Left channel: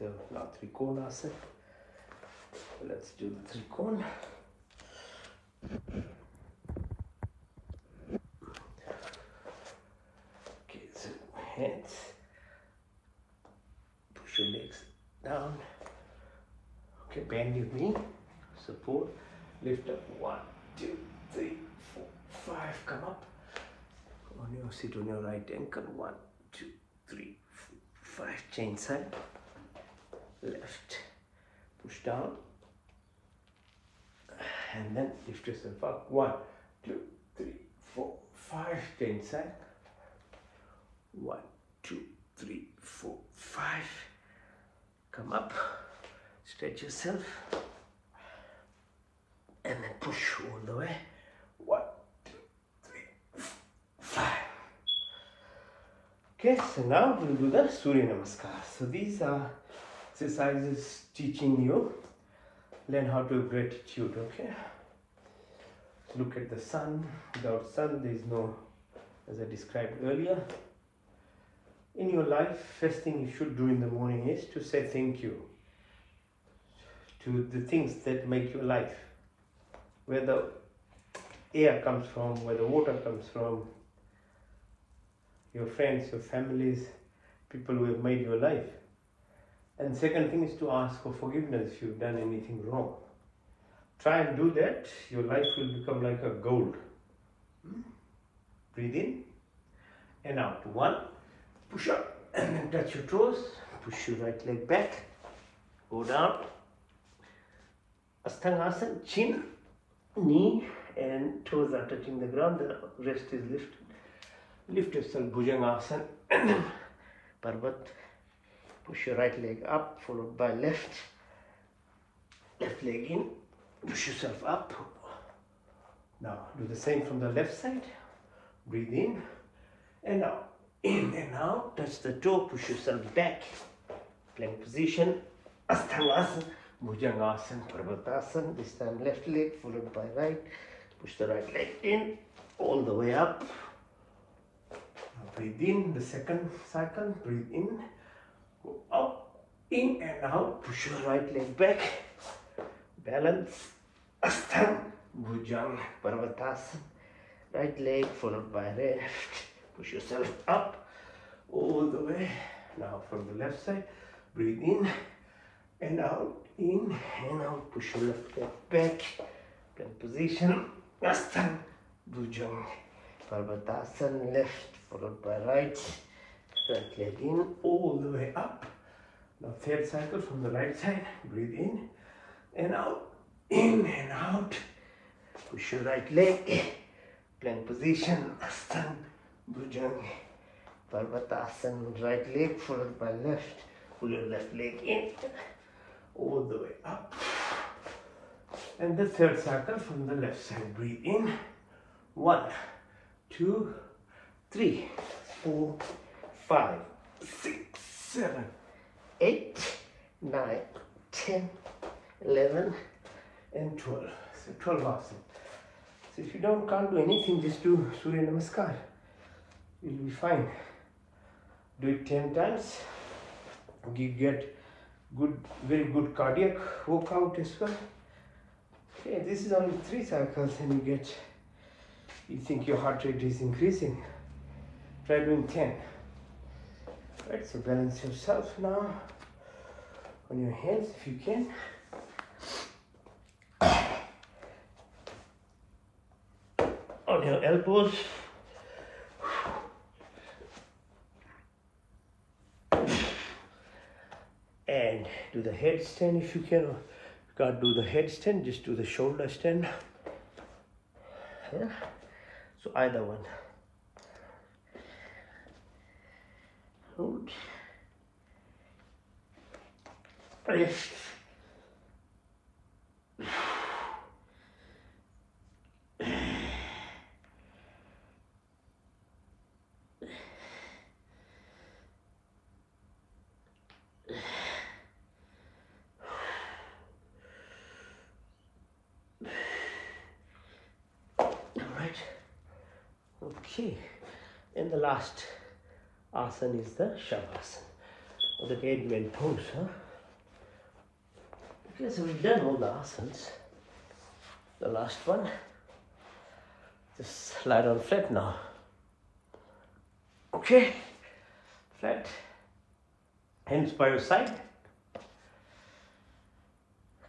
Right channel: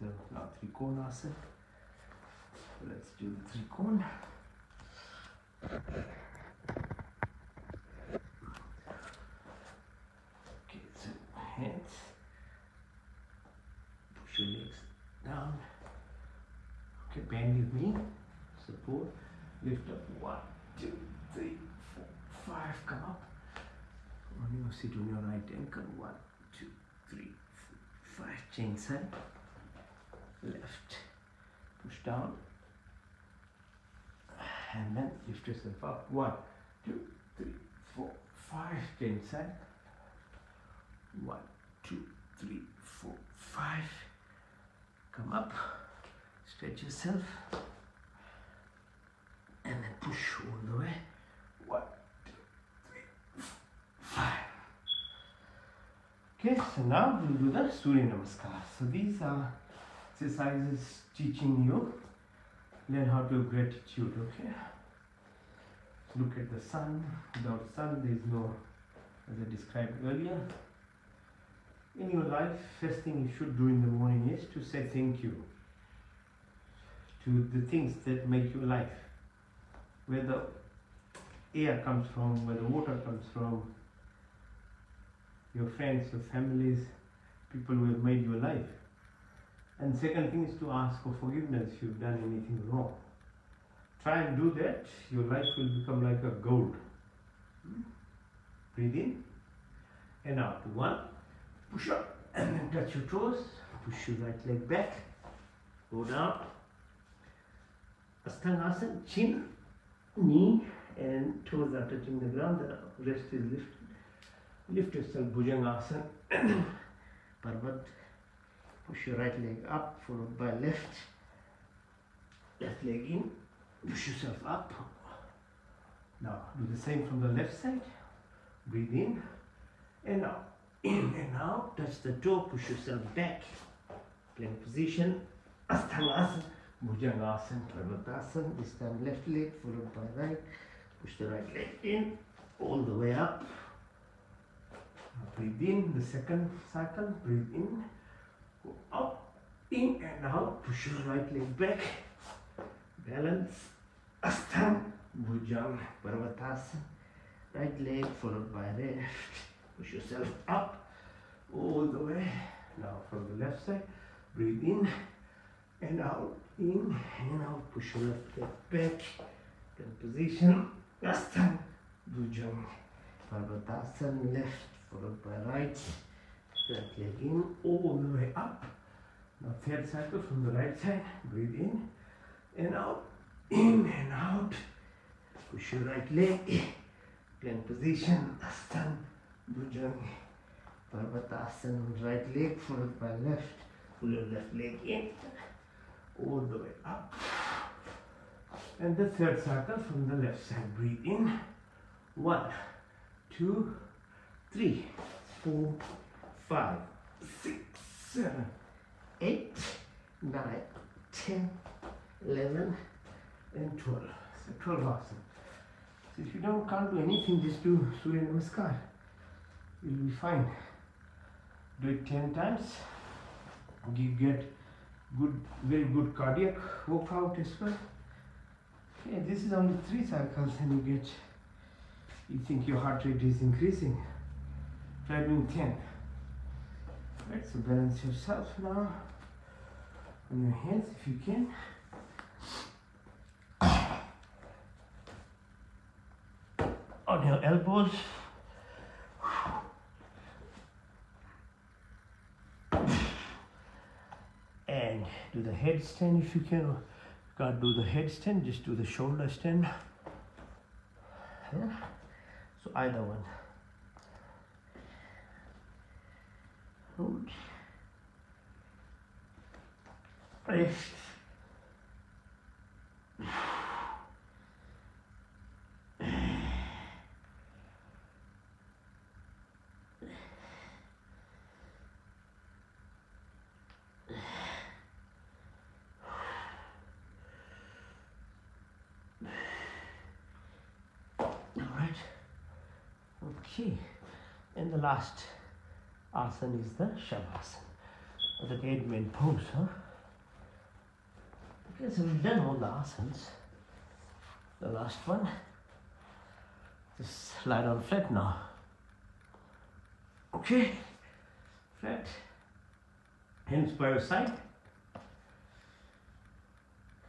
So now Trikona asana. Let's do the Trikona. Okay, so hands. Push your legs down. Okay, bend your knee. Support. Lift up. 1, 2, 3, 4, 5. Come up. On your sit on your right ankle. 1, 2, 3, 4, 5. Change side. Left. Push down. And then lift yourself up. 1, 2, 3, 4, 5. Change side. 1, 2, 3, 4, 5. Come up. Stretch yourself. And then push all the way. 1, 2, 3, 4, 5. Okay, so now we'll do the Surya Namaskar. So these are exercises teaching you learn how to have gratitude. Okay, look at the sun. Without sun there is no, as I described earlier. In your life, first thing you should do in the morning is to say thank you to the things that make your life, where the air comes from, where the water comes from, your friends, your families, people who have made your life. And second thing is to ask for forgiveness if you've done anything wrong. Try and do that. Your life will become like a gold. Breathe in and out. 1, push up and then touch your toes. Push your right leg back. Go down. Asthangasana, chin, knee and toes are touching the ground. The rest is lifted. Lift yourself, Bhujangasana. Parvat. Push your right leg up, followed by left. Left leg in. Push yourself up. Now do the same from the left side. Breathe in and out. In and out. Touch the toe. Push yourself back. Plank position. Asthangasana. Bhujangasana. Parvatasana. This time left leg followed by right. Push the right leg in. All the way up. Now breathe in. The second cycle. Breathe in. Go up, in and out. Push your right leg back. Balance. Asthana. Bhujang. Parvatasana. Right leg followed by left. Push yourself up. All the way. Now from the left side. Breathe in and out. In and out. Push your left leg back. Plank position. Asthana. Bhujang. Parvatasana. Left followed by right. Right leg in, all the way up. Now third cycle from the right side. Breathe in and out. In and out. Push your right leg. Plank position. Asthana. Bhujang. Parvatasana. Right leg followed by left. Pull your left leg in. All the way up. And the third cycle from the left side. Breathe in. 1, 2, 3, 4, 5, 6, 7, 8, 9, 10, 11, and 12. So 12 asana. So if you can't do anything, just do Surya Namaskar. You'll be fine. Do it 10 times. You get very good cardiac workout as well. Okay, this is only 3 cycles and you think your heart rate is increasing. Try doing 10. Right, so balance yourself now on your hands if you can. On your elbows. And do the headstand if you can. Or you can't do the headstand, just do the shoulder stand. Yeah. So either one. Hold. Lift. Alright. Okay. And the last asana is the Shavasana, or the dead man pose. Okay, so we've done all the asanas. The last one. Just lie down flat now. Okay, flat. Hands by your side.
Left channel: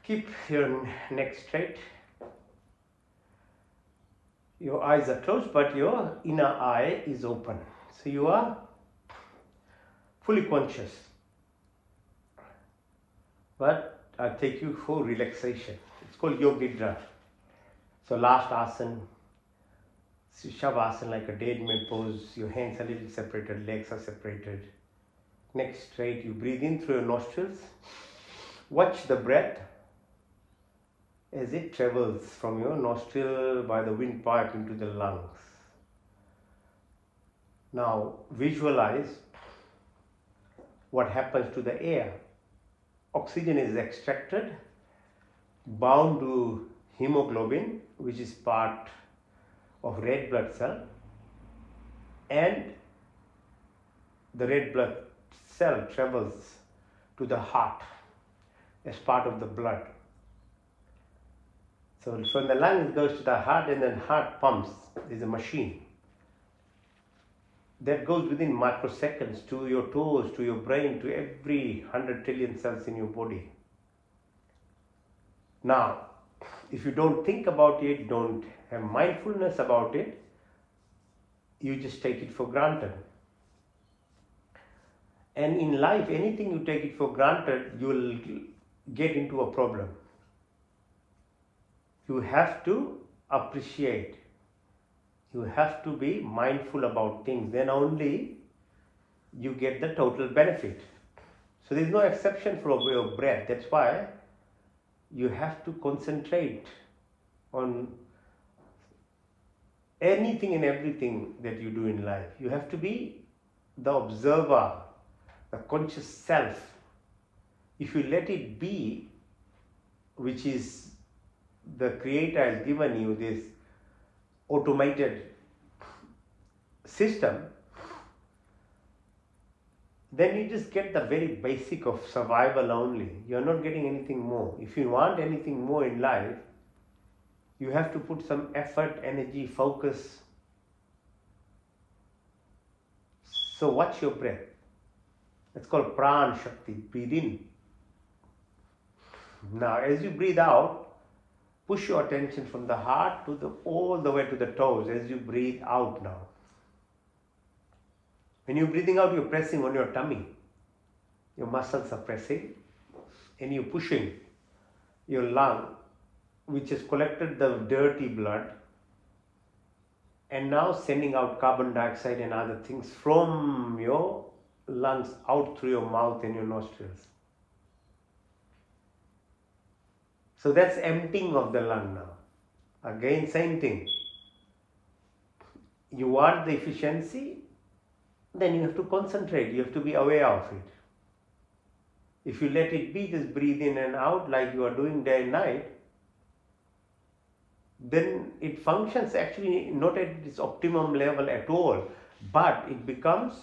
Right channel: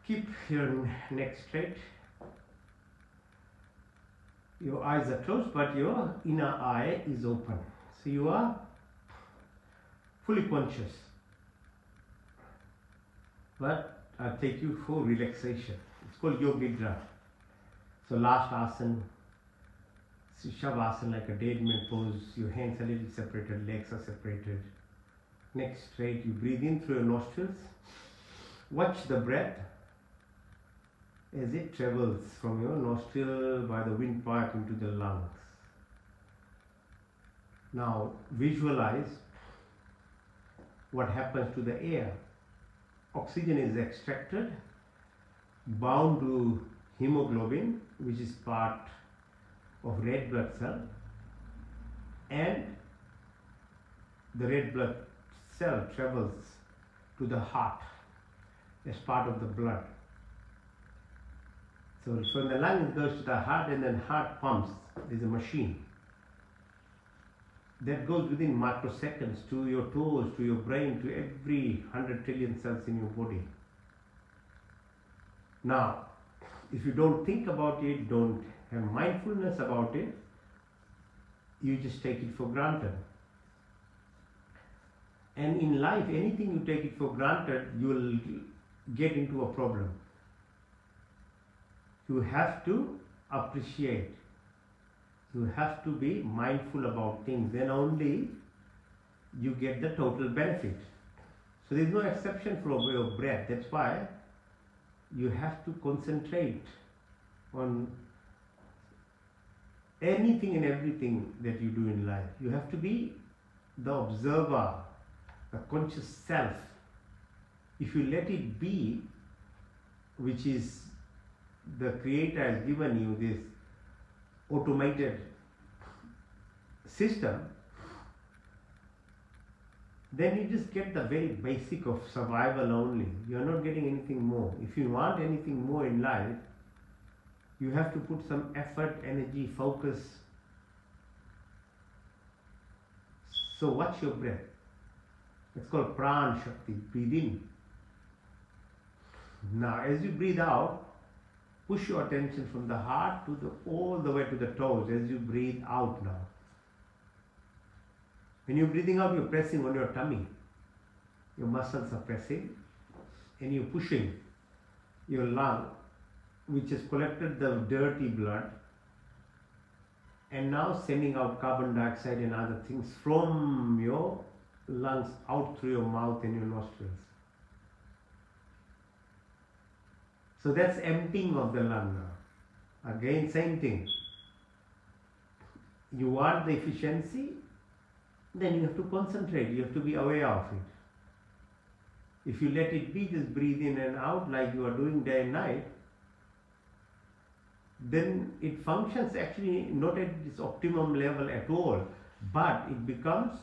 Keep your neck straight. Your eyes are closed, but your inner eye is open. So you are fully conscious. But I'll take you for relaxation. It's called Yoga Nidra. So last asana, Shavasana, like a dead man pose. Your hands are a little separated, legs are separated. Neck straight. You breathe in through your nostrils. Watch the breath as it travels from your nostril by the windpipe into the lungs. Now visualize what happens to the air. Oxygen is extracted, bound to hemoglobin, which is part of red blood cell, and the red blood cell travels to the heart as part of the blood. So from the lung it goes to the heart, and then heart pumps. There's a machine that goes within microseconds to your toes, to your brain, to every 100 trillion cells in your body. Now, if you don't think about it, don't have mindfulness about it, you just take it for granted. And in life, anything you take it for granted, you will get into a problem. You have to appreciate. You have to be mindful about things. Then only you get the total benefit. So there is no exception for your breath. That's why you have to concentrate on anything and everything that you do in life. You have to be the observer, the conscious self. If you let it be, which is the Creator has given you this automated system, then you just get the very basic of survival only. You are not getting anything more. If you want anything more in life, you have to put some effort, energy, focus. So watch your breath. It's called Pran Shakti. Breathe in. Now as you breathe out, push your attention from the heart to all the way to the toes as you breathe out now. When you're breathing out, you're pressing on your tummy. Your muscles are pressing and you're pushing your lung, which has collected the dirty blood and now sending out carbon dioxide and other things from your lungs out through your mouth and your nostrils. So that's emptying of the lung now. Again, same thing. You want the efficiency, then you have to concentrate. You have to be aware of it. If you let it be, just breathe in and out like you are doing day and night, then it functions actually not at its optimum level at all, but it becomes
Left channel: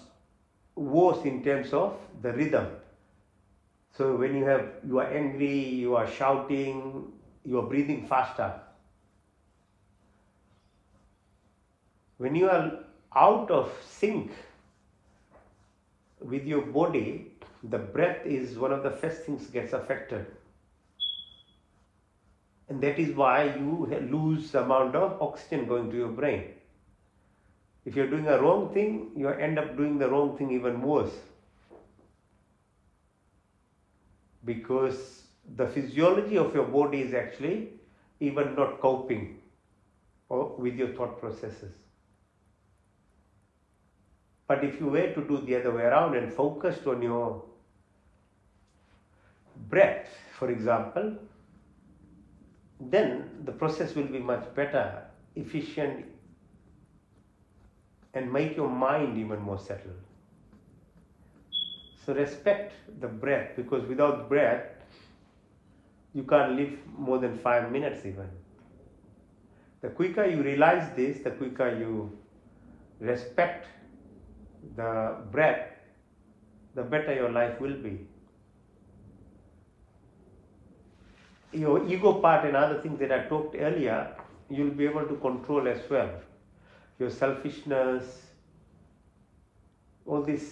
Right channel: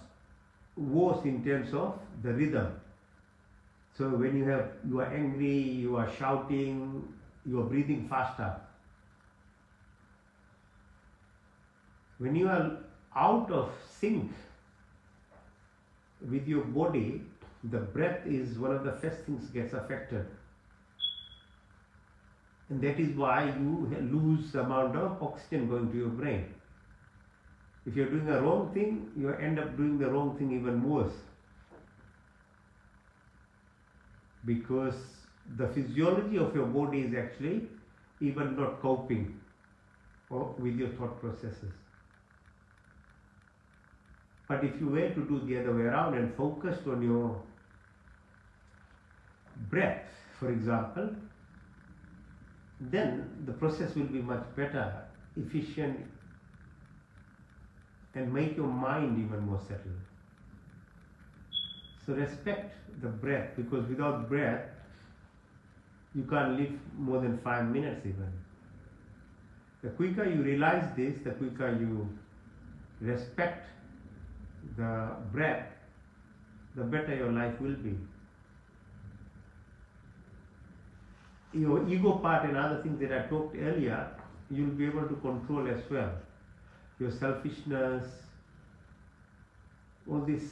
worse in terms of the rhythm. So when you are angry, you are shouting, you are breathing faster. When you are out of sync with your body, the breath is one of the first things gets affected. And that is why you lose the amount of oxygen going to your brain. If you're doing a wrong thing, you end up doing the wrong thing even worse. Because the physiology of your body is actually even not coping with your thought processes. But if you were to do the other way around and focused on your breath, for example, then the process will be much better, efficient, and make your mind even more settled. So respect the breath, because without breath, you can't live more than 5 minutes even. The quicker you realize this, the quicker you respect the breath, the better your life will be. your ego part and other things that I talked earlier, you'll be able to control as well. Your selfishness, all this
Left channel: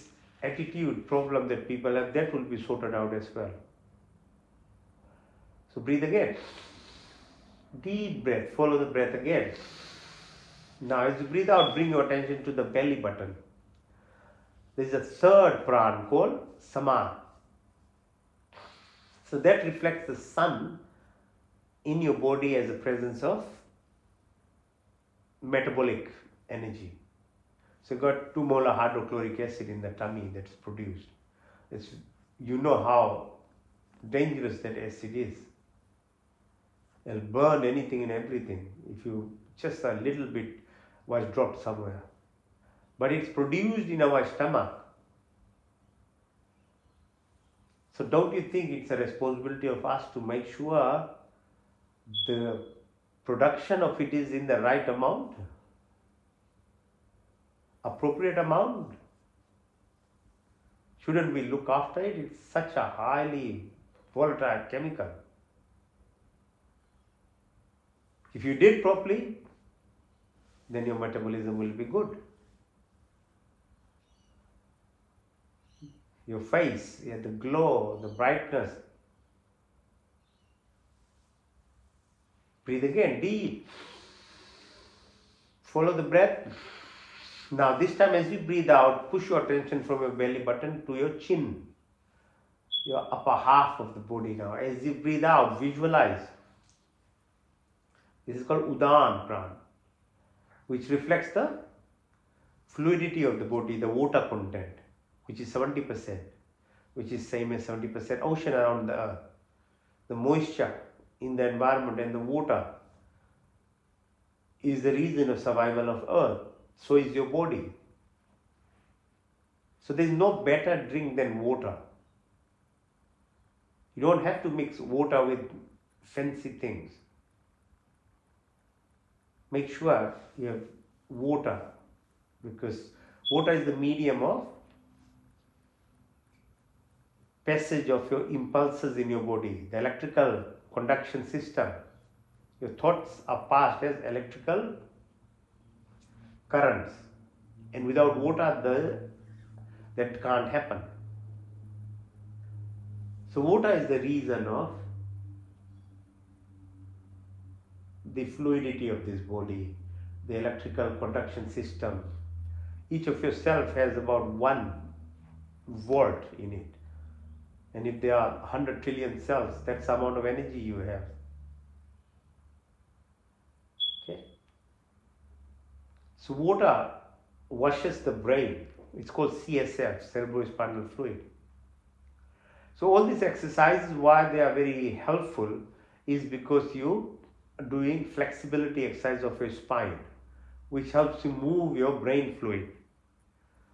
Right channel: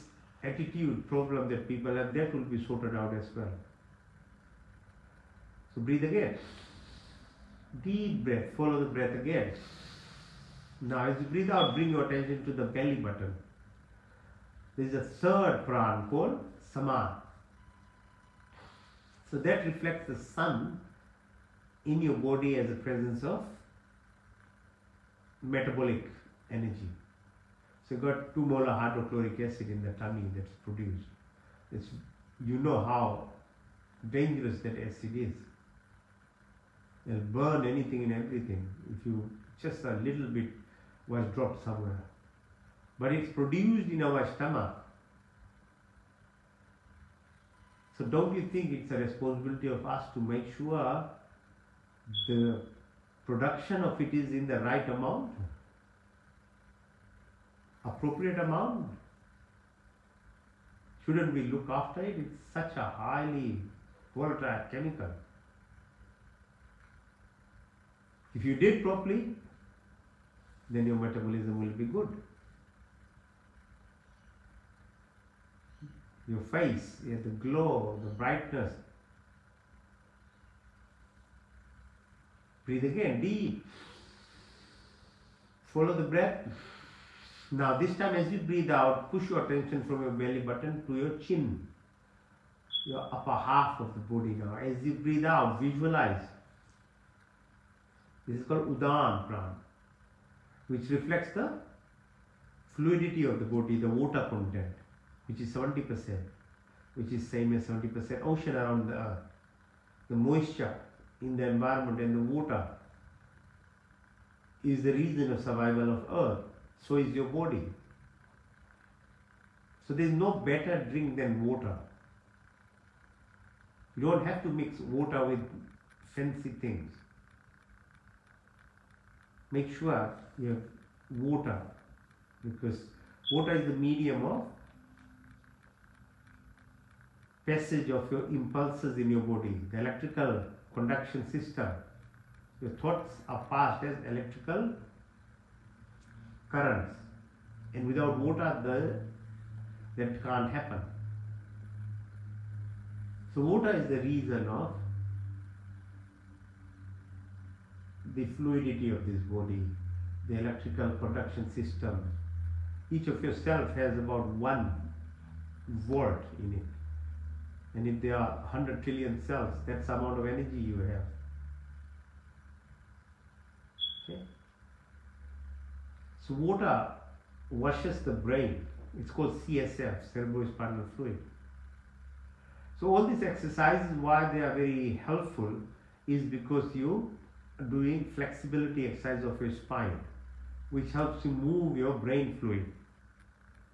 attitude problem that people have, that will be sorted out as well. So breathe again. Deep breath, follow the breath again. Now as you breathe out, bring your attention to the belly button. There is a third pran called Sama. So that reflects the sun in your body as a presence of metabolic energy. So you've got 2 molar hydrochloric acid in the tummy that's produced. You know how dangerous that acid is. It'll burn anything and everything if you just a little bit was dropped somewhere. But it's produced in our stomach. So don't you think it's a responsibility of us to make sure the production of it is in the right amount? Appropriate amount? Shouldn't we look after it? It's such a highly volatile chemical. If you did properly, then your metabolism will be good. Your face, the glow, the brightness. Breathe again, deep. Follow the breath. Now this time as you breathe out, push your attention from your belly button to your chin, your upper half of the body now. As you breathe out, visualize. This is called Udan Pran, which reflects the fluidity of the body, the water content, which is 70%, which is same as 70% ocean around the earth. The moisture in the environment and the water is the reason of survival of earth. So is your body. So there is no better drink than water. You don't have to mix water with fancy things. Make sure you have water, because water is the medium of passage of your impulses in your body, the electrical conduction system. Your thoughts are passed as electrical currents, and without water that can't happen. So water is the reason of the fluidity of this body, the electrical conduction system. Each of your cells has about 1 volt in it. And if there are 100 trillion cells, that's the amount of energy you have. Okay? So water washes the brain. It's called CSF, cerebrospinal fluid. So all these exercises, why they are very helpful, is because you are doing flexibility exercise of your spine, which helps you move your brain fluid.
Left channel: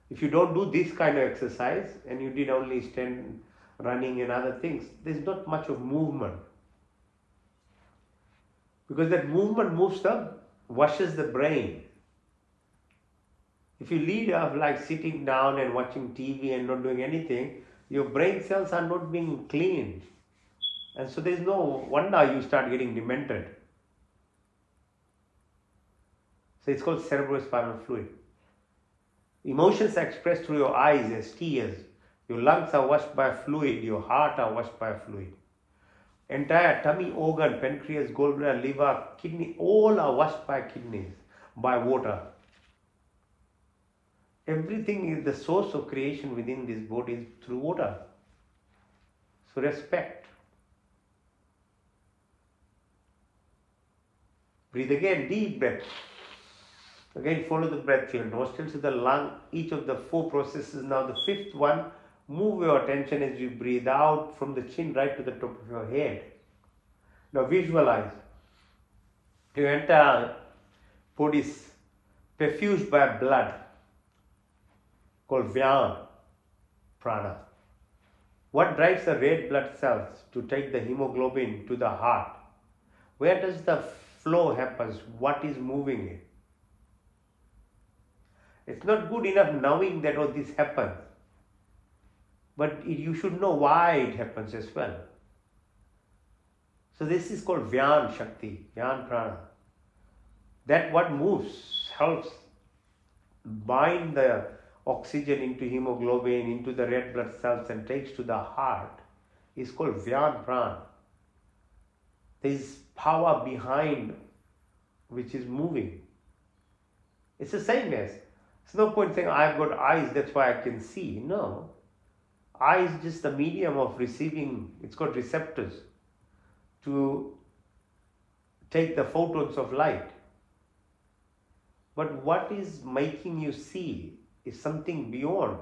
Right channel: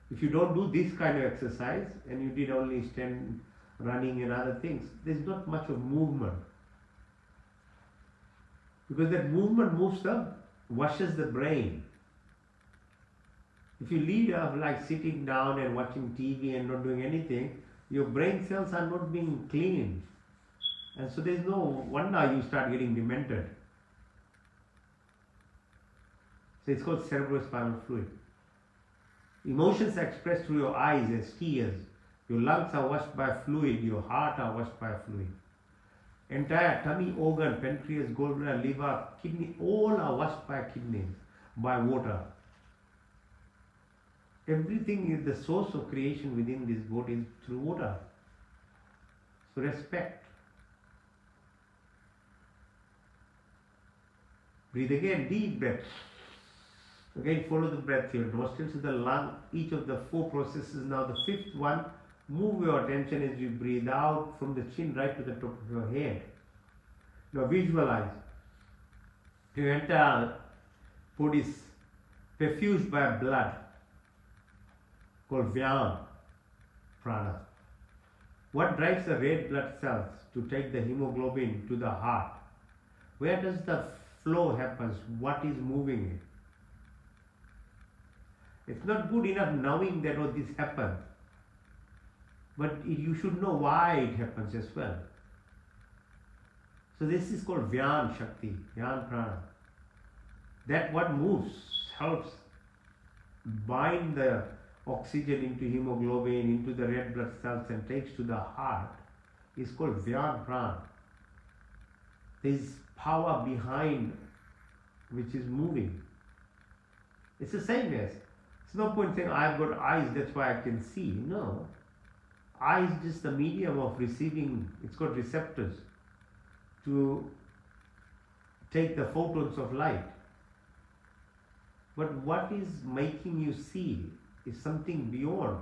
If you don't do this kind of exercise and you did only stand, running and other things, there's not much of movement. Because that movement washes the brain. If you lead up like sitting down and watching TV and not doing anything, your brain cells are not being cleaned. And so there's no wonder you start getting demented. So it's called cerebrospinal fluid. Emotions are expressed through your eyes as tears. Your lungs are washed by fluid. Your heart are washed by fluid. Entire tummy organ, pancreas, gallbladder, liver, kidney, all are washed by kidneys, by water. Everything is the source of creation within this body is through water. So respect. Breathe again, deep breath. Again, follow the breath here. Nostrils to the lung, each of the 4 processes. Now the 5th one, move your attention as you breathe out from the chin right to the top of your head. Now visualize. Your entire body is perfused by blood, called Vyam Prana. What drives the red blood cells to take the hemoglobin to the heart? Where does the flow happen? What is moving it? It's not good enough knowing that all this happens, but you should know why it happens as well. So this is called Vyan Shakti, Vyan Prana. That what moves, helps bind the oxygen into hemoglobin, into the red blood cells and takes to the heart is called Vyan Prana. There is power behind which is moving. It's the same as, it's no point saying I've got eyes, that's why I can see. No. Eye is just the medium of receiving, it's got receptors to take the photons of light. But what is making you see is something beyond.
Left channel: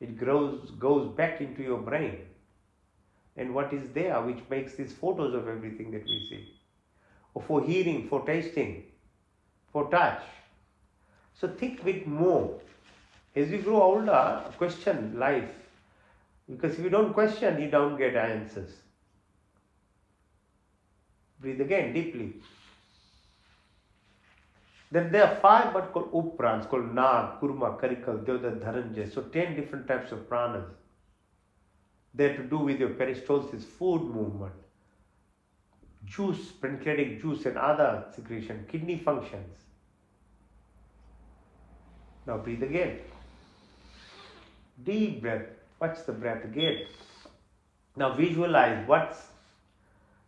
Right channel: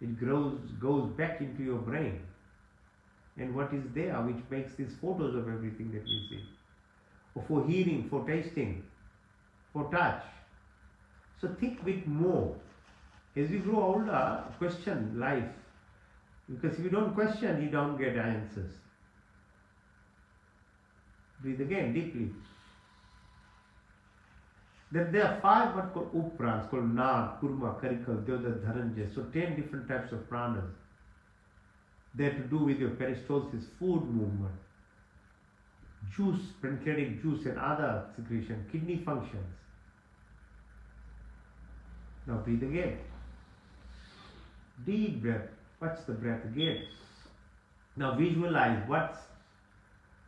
It goes back into your brain. And what is there which makes these photos of everything that we see? Or for hearing, for tasting, for touch. So think a bit more. As you grow older, question life. Because if you don't question, you don't get answers. Breathe again deeply. Then there are 5 what called up-prans, called Nag, Kurma, Karikal, Devda, Dharanjay. So 10 different types of pranas. They're to do with your peristalsis, food movement, juice, pancreatic juice and other secretion, kidney functions. Now breathe again. Deep breath. Watch the breath again. Now visualize what's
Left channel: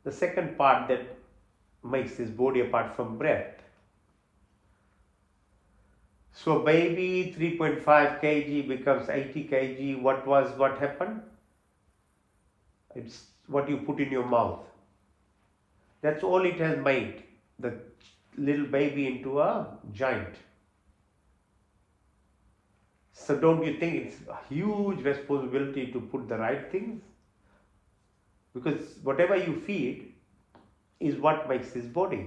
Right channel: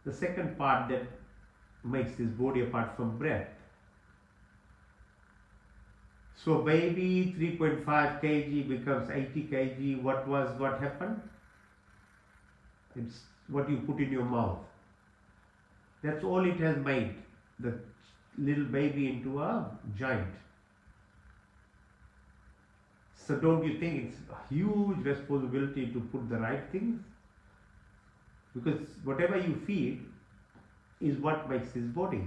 the second part that makes this body apart from breath. So baby 3.5 kg becomes 80 kg. What happened? It's what you put in your mouth. That's all it has made the little baby into a giant. So don't you think it's a huge responsibility to put the right things? Because whatever you feed is what makes this body.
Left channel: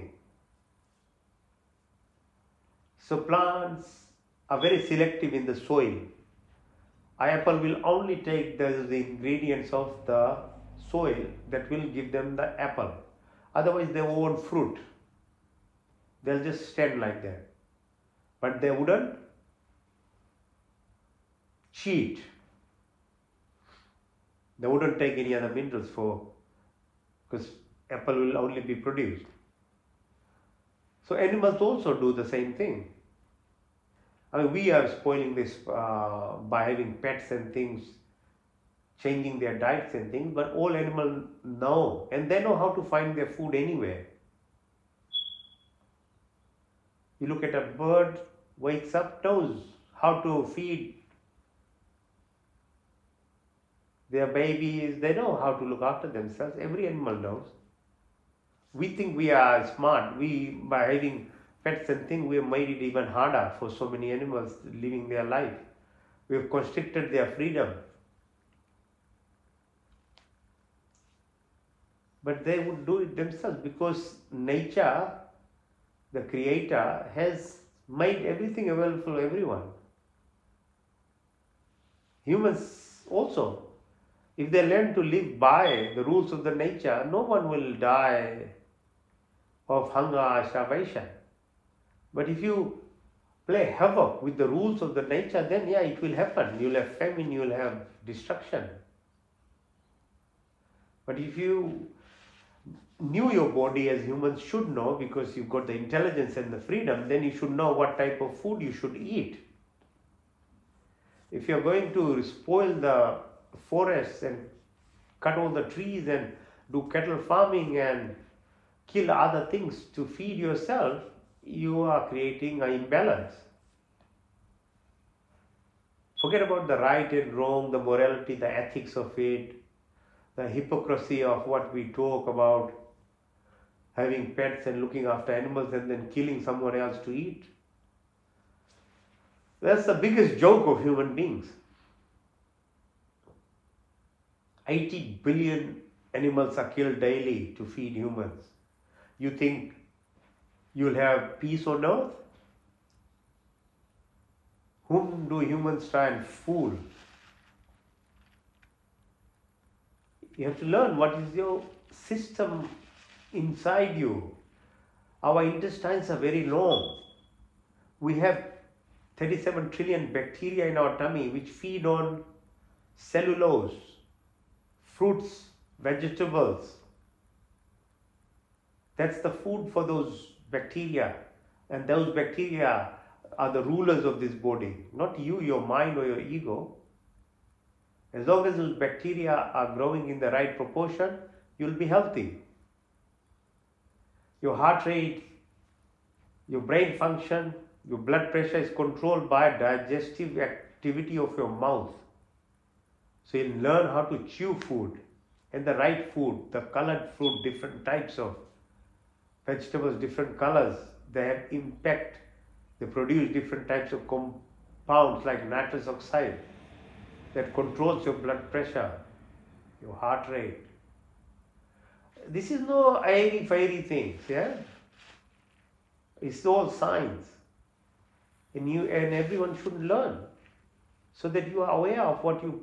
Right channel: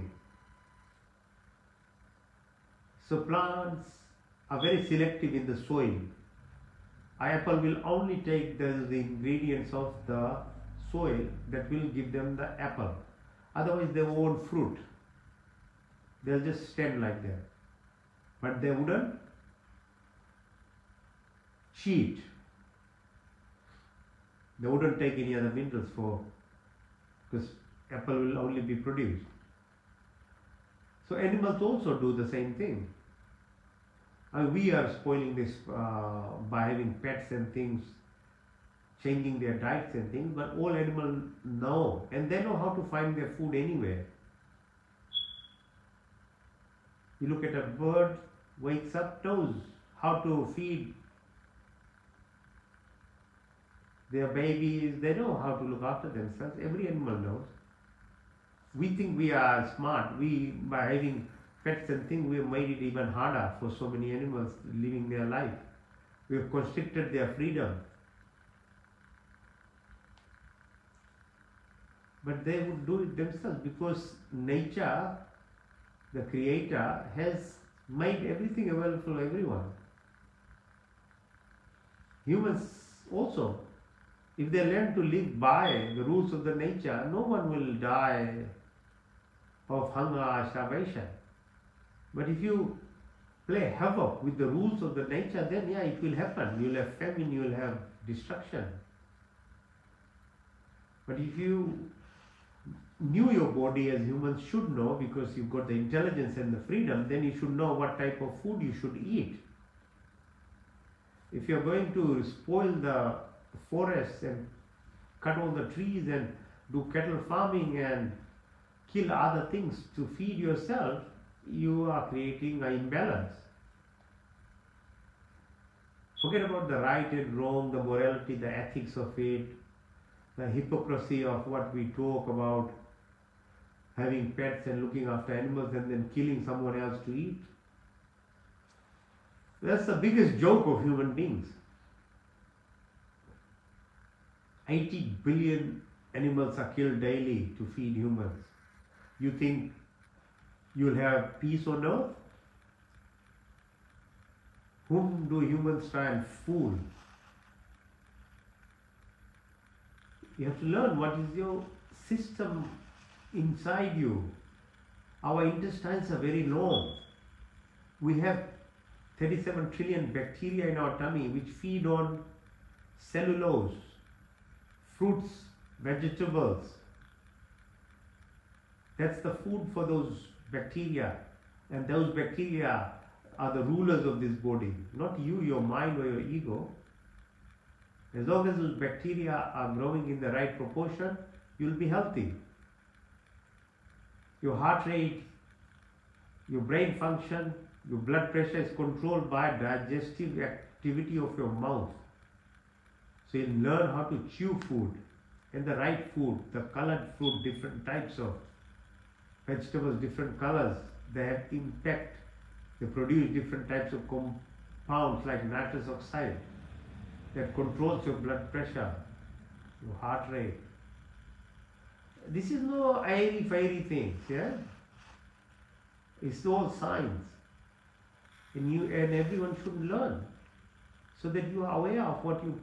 So plants are very selective in the soil. Apple will only take the ingredients of the soil that will give them the apple. Otherwise they won't fruit. They'll just stand like that. But they wouldn't cheat. They wouldn't take any other minerals because apple will only be produced. So animals also do the same thing. I mean, we are spoiling this by having pets and things, changing their diets and things, but all animals know, and they know how to find their food anywhere. You look at a bird, wakes up, knows how to feed their babies, they know how to look after themselves. Every animal knows. We think we are smart. By having pets and things, we have made it even harder for so many animals living their life. We have constricted their freedom. But they would do it themselves because nature, the creator, has made everything available for everyone. Humans also. If they learn to live by the rules of the nature, no one will die of hunger or starvation. But if you play havoc with the rules of the nature, then yeah, it will happen. You'll have famine, you'll have destruction. But if you knew your body as humans should know, because you've got the intelligence and the freedom, then you should know what type of food you should eat. If you're going to spoil the forests and cut all the trees and do cattle farming and kill other things to feed yourself, you are creating an imbalance. Forget about the right and wrong, the morality, the ethics of it, the hypocrisy of what we talk about, having pets and looking after animals and then killing someone else to eat. That's the biggest joke of human beings. 80 billion animals are killed daily to feed humans. You think you'll have peace on earth? Whom do humans try and fool? You have to learn what is your system inside you. Our intestines are very long. We have 37 trillion bacteria in our tummy which feed on cellulose, fruits, vegetables, That's the food for those bacteria. And those bacteria are the rulers of this body, not you, your mind or your ego. As long as those bacteria are growing in the right proportion, you'll be healthy. Your heart rate, your brain function, your blood pressure is controlled by digestive activity of your mouth. So you'll learn how to chew food, and the right food, the colored fruit, different types of vegetables, different colors, they have impact. They produce different types of compounds like nitrous oxide that controls your blood pressure, your heart rate. This is no airy-fairy things, yeah? It's all science. And everyone should learn so that you are aware of what you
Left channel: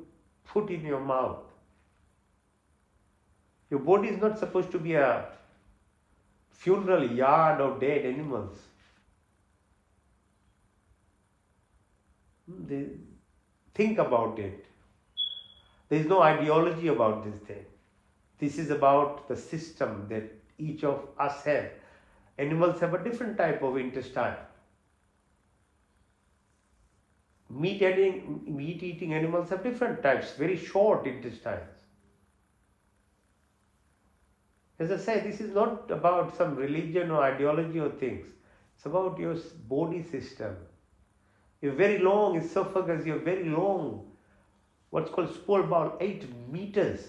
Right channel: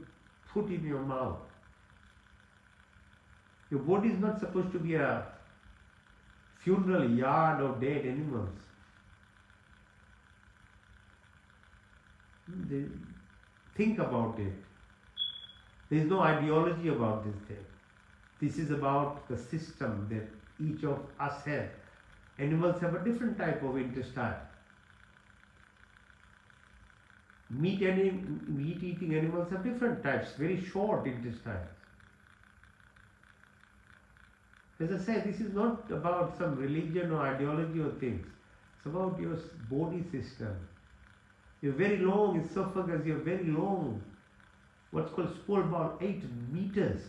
put in your mouth. Your body is not supposed to be a funeral yard of dead animals. Think about it. There is no ideology about this thing. This is about the system that each of us have. Animals have a different type of intestine. Meat-eating animals have different types, very short intestines. As I say, this is not about some religion or ideology or things. It's about your body system. Your very long esophagus, your very long, what's called small bowel, 8 meters.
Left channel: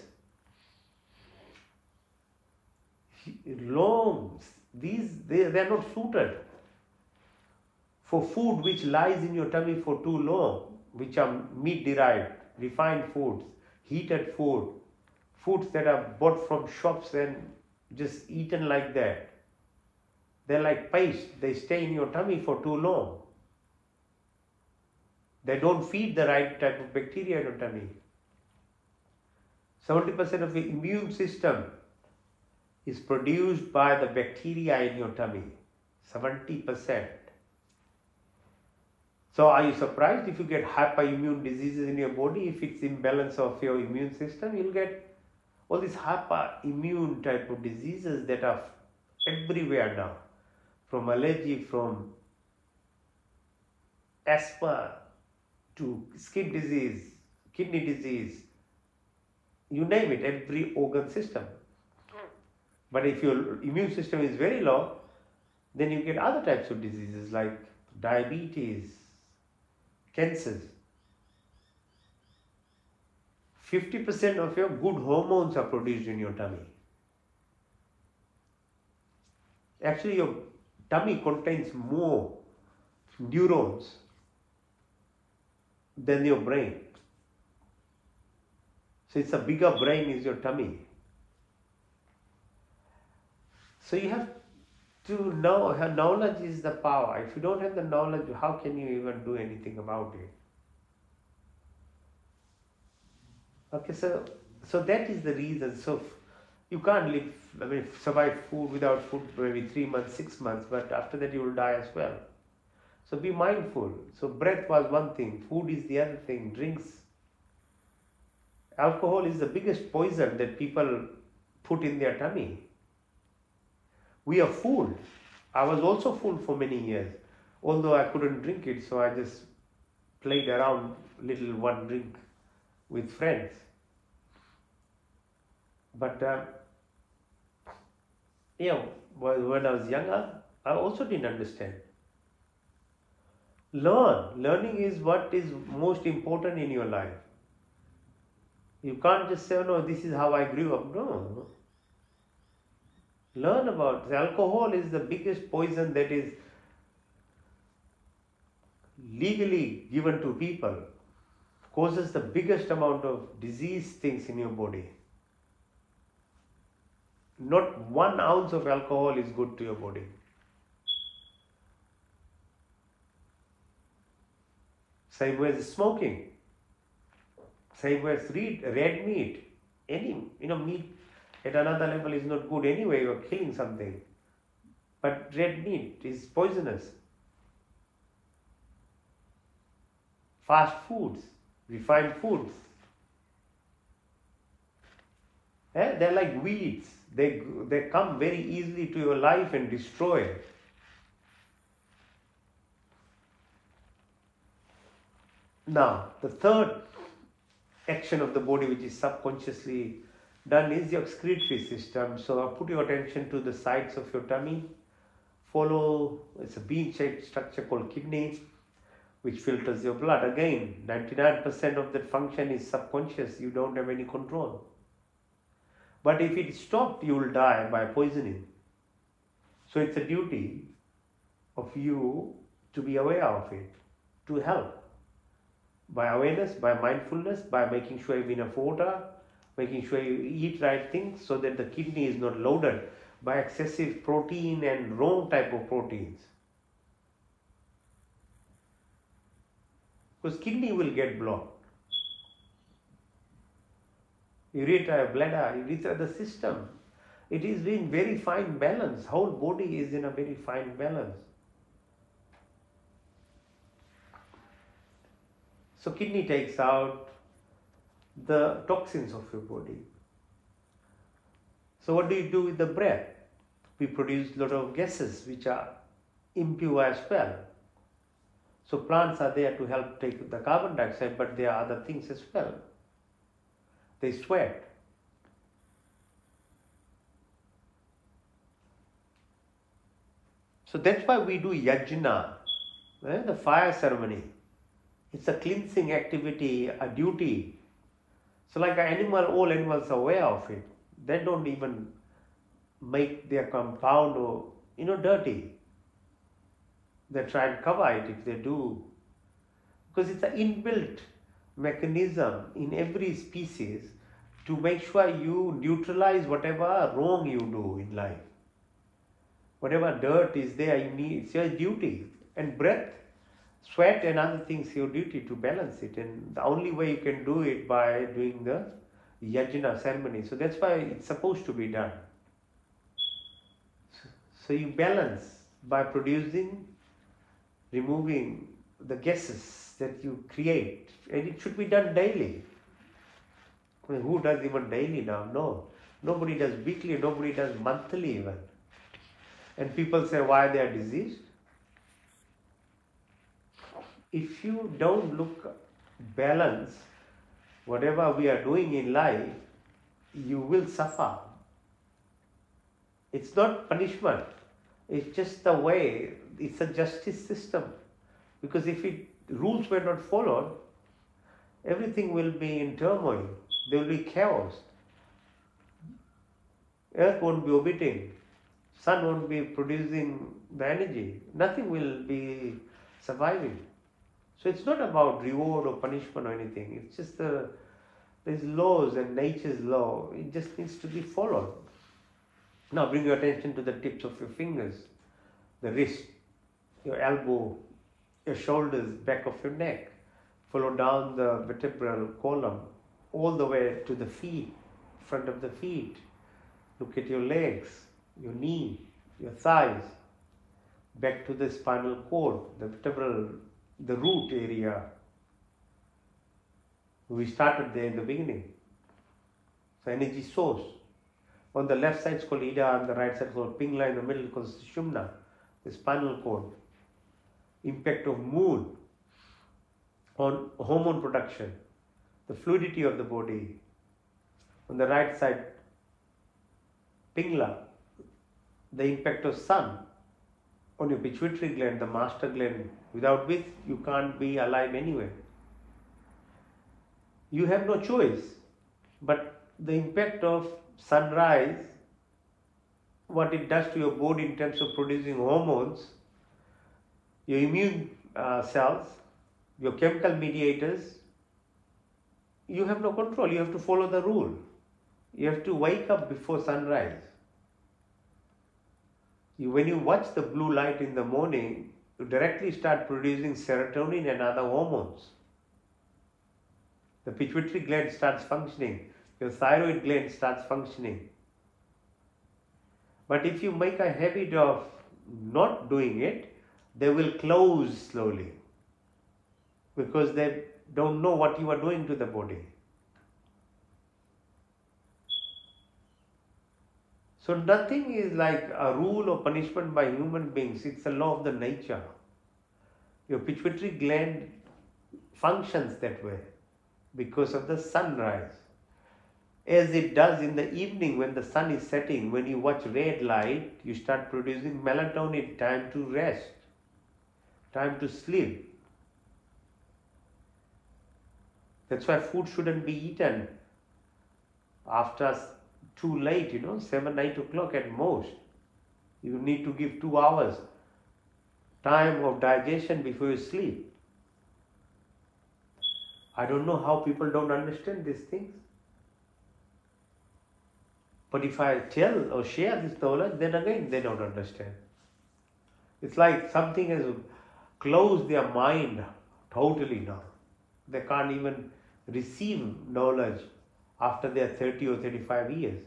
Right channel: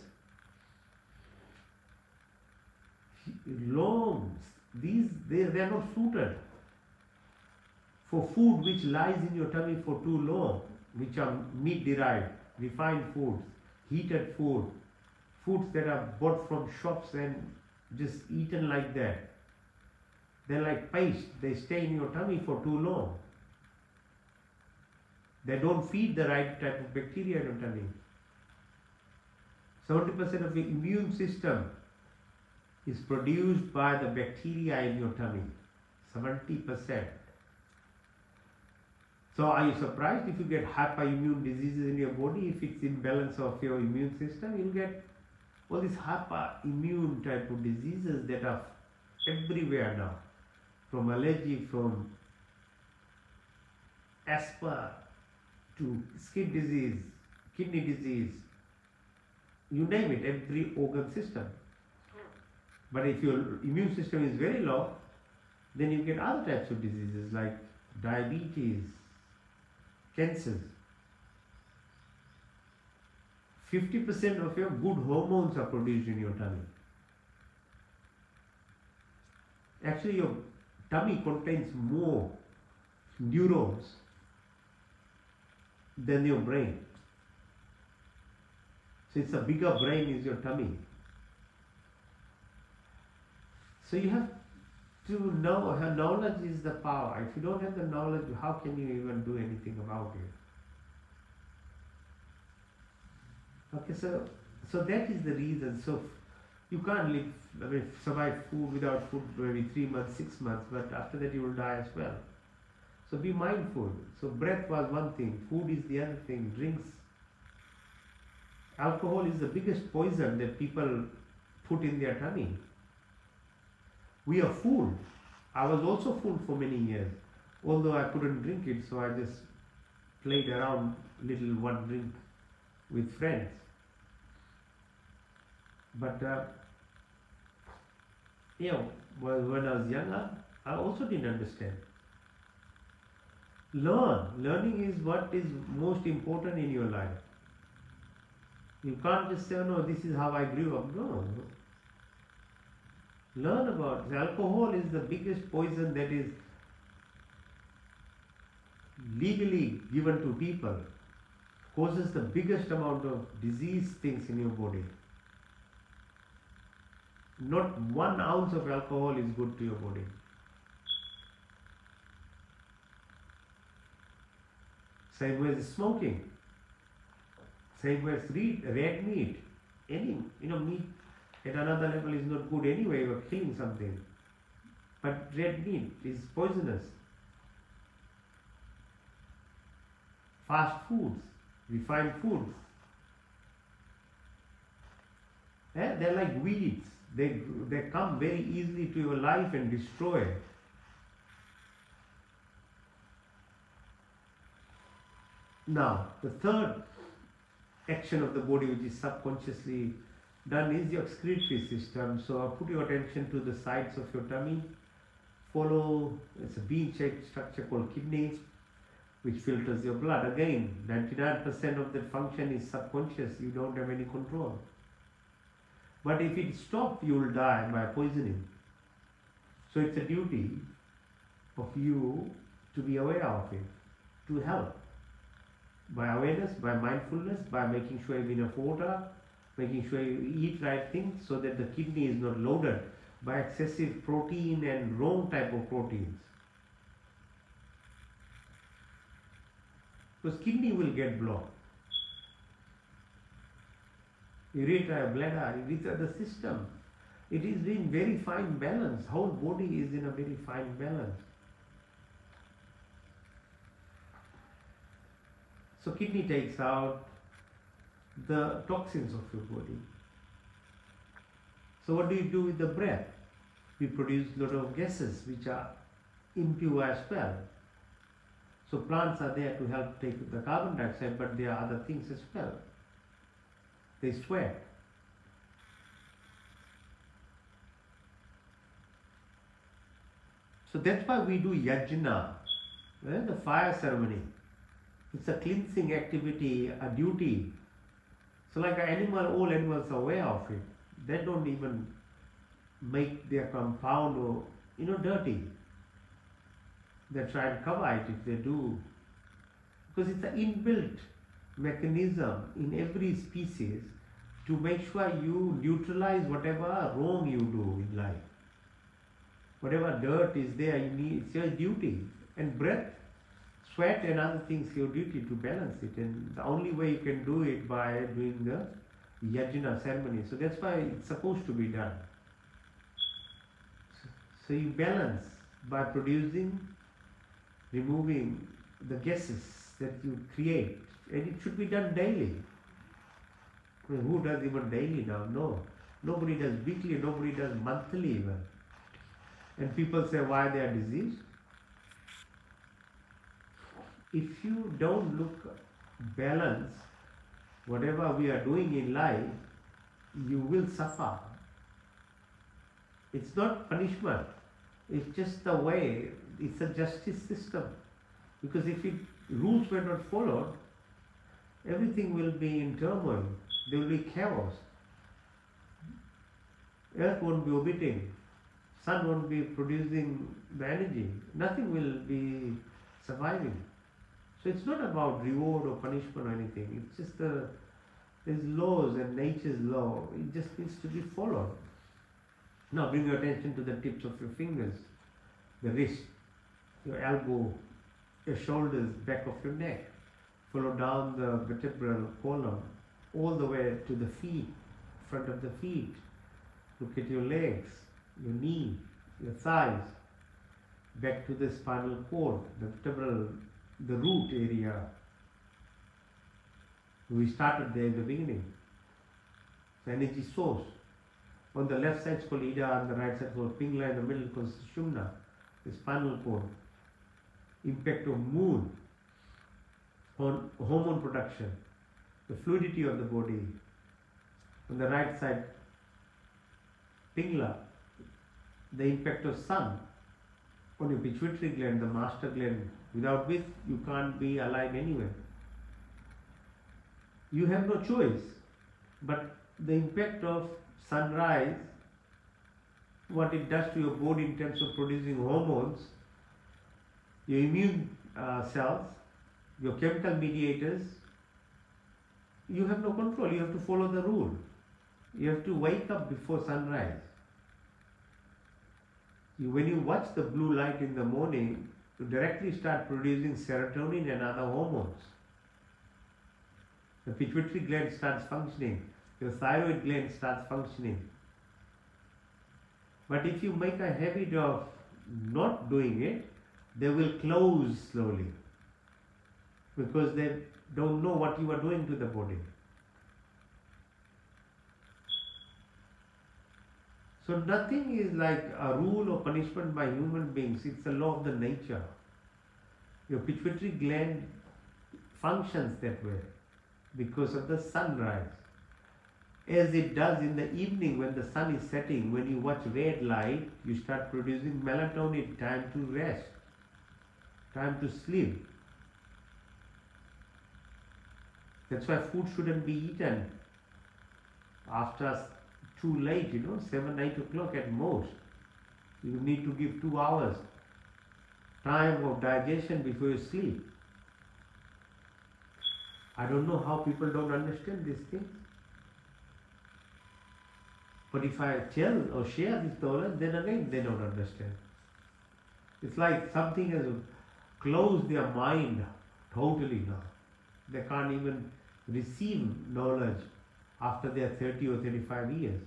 Long. They are not suited for food which lies in your tummy for too long, which are meat derived, refined foods, heated food, foods that are bought from shops and just eaten like that. They're like paste, they stay in your tummy for too long. They don't feed the right type of bacteria in your tummy. 70% of the immune system is produced by the bacteria in your tummy. 70%. So are you surprised if you get hyperimmune diseases in your body? If it's imbalance of your immune system, you'll get all these hyperimmune type of diseases that are everywhere now. From allergy, from asthma, to skin disease, kidney disease, you name it, every organ system. But if your immune system is very low, then you get other types of diseases like diabetes, cancers. 50% of your good hormones are produced in your tummy. Actually, your tummy contains more neurons than your brain. So it's a bigger brain is your tummy. So you have to know, knowledge is the power. If you don't have the knowledge, how can you even do anything about it? Okay, so that is the reason. So you can't survive food without food for maybe 3 months, 6 months, but after that you will die as well. So be mindful. So breath was one thing, food is the other thing, drinks. Alcohol is the biggest poison that people put in their tummy. We are fooled. I was also fooled for many years, although I couldn't drink it, so I just played around little one drink with friends. But when I was younger, I also didn't understand. Learning is what is most important in your life. You can't just say, no, this is how I grew up. No. Learn about it. Alcohol is the biggest poison that is legally given to people. Causes the biggest amount of disease things in your body. Not 1 ounce of alcohol is good to your body. Same way as smoking. Same way as red meat. Any meat at another level is not good anyway. You are killing something. But red meat is poisonous. Fast foods, refined foods. They're like weeds. They come very easily to your life and destroy it. Now, the third action of the body, which is subconsciously done, is your excretory system. So put your attention to the sides of your tummy. Follow, it's a bean-shaped structure called kidney, which filters your blood. Again, 99% of that function is subconscious. You don't have any control. But if it stops, you will die by poisoning. So it's a duty of you to be aware of it, to help. By awareness, by mindfulness, by making sure you have enough water, making sure you eat right things so that the kidney is not loaded by excessive protein and wrong type of proteins. Because kidney will get blocked. Ureter, bladder, urethra, the system. It is in very fine balance. Whole body is in a very fine balance. So kidney takes out the toxins of your body. So what do you do with the breath? We produce a lot of gases which are impure as well. So plants are there to help take the carbon dioxide, but there are other things as well. They sweat. So that's why we do yajna, the fire ceremony. It's a cleansing activity, a duty. So like an animal, all animals are aware of it. They don't even make their compound or, dirty. They try and cover it if they do. Because it's an inbuilt mechanism in every species to make sure you neutralize whatever wrong you do in life. Whatever dirt is there, it's your duty. And breath, sweat and other things, your duty to balance it. And the only way you can do it by doing the yajna ceremony. So that's why it's supposed to be done. So you balance by removing the gases that you create. And it should be done daily. I mean, who does even daily now? No. Nobody does weekly, nobody does monthly even. And people say why they are diseased. If you don't look balance, whatever we are doing in life, you will suffer. It's not punishment. It's just the way, it's a justice system. Because if rules were not followed, everything will be in turmoil. There will be chaos. Earth won't be orbiting. Sun won't be producing the energy. Nothing will be surviving. So it's not about reward or punishment or anything. It's just there's laws and nature's law. It just needs to be followed. Now bring your attention to the tips of your fingers, the wrist, your elbow, your shoulders, back of your neck. Follow down the vertebral column all the way to the feet, front of the feet. Look at your legs, your knee, your thighs, back to the spinal cord, the vertebral, the root area. We started there in the beginning. So energy source. On the left side is called Ida, on the right side is called Pingala, in the middle is called Sushumna, the spinal cord. Impact of mood on hormone production, the fluidity of the body. On the right side, Pingala, the impact of sun on your pituitary gland, the master gland, without which you can't be alive anyway. You have no choice, but the impact of sunrise, what it does to your body in terms of producing hormones, your immune cells, your chemical mediators, you have no control. You have to follow the rule. You have to wake up before sunrise. When you watch the blue light in the morning, you directly start producing serotonin and other hormones. The pituitary gland starts functioning. Your thyroid gland starts functioning. But if you make a habit of not doing it, they will close slowly because they don't know what you are doing to the body. So nothing is like a rule or punishment by human beings. It's a law of the nature. Your pituitary gland functions that way because of the sunrise. As it does in the evening when the sun is setting, when you watch red light, you start producing melatonin, time to rest, time to sleep. That's why food shouldn't be eaten after too late, 7, 8 o'clock at most. You need to give 2 hours time of digestion before you sleep. I don't know how people don't understand these things. But if I tell or share this knowledge, then again they don't understand. It's like something has closed their mind totally now. They can't even receive knowledge after they are 30 or 35 years.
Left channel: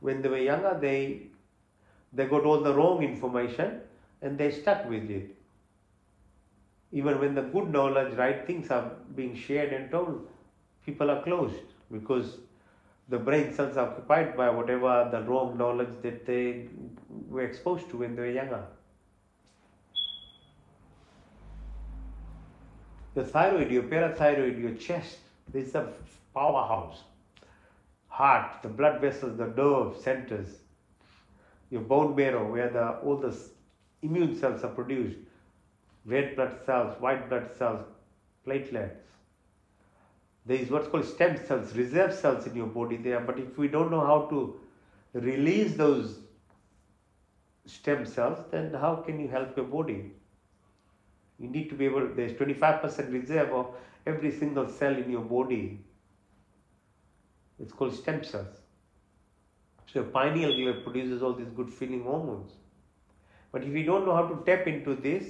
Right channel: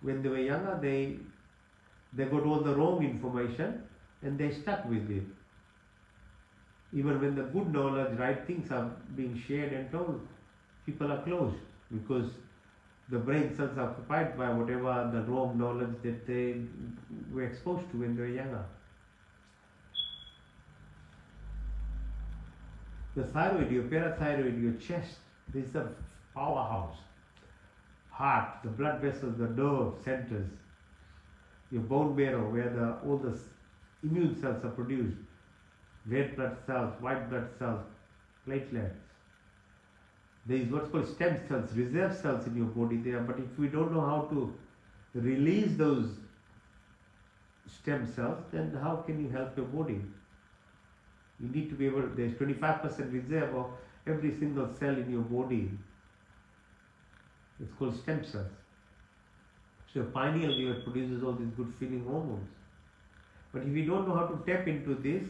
When they were younger, they got all the wrong information and they stuck with it. Even when the good knowledge, right things are being shared and told, people are closed because the brain cells are occupied by whatever the wrong knowledge that they were exposed to when they were younger. The thyroid, your parathyroid, your chest, this is a powerhouse. Heart, the blood vessels, the nerve centers, your bone marrow, where all the immune cells are produced, red blood cells, white blood cells, platelets. There is what's called stem cells, reserve cells in your body there, but if we don't know how to release those stem cells, then how can you help your body? You need to be able, there's 25% reserve of every single cell in your body. It's called stem cells. So pineal gland produces all these good feeling hormones. But if you don't know how to tap into this,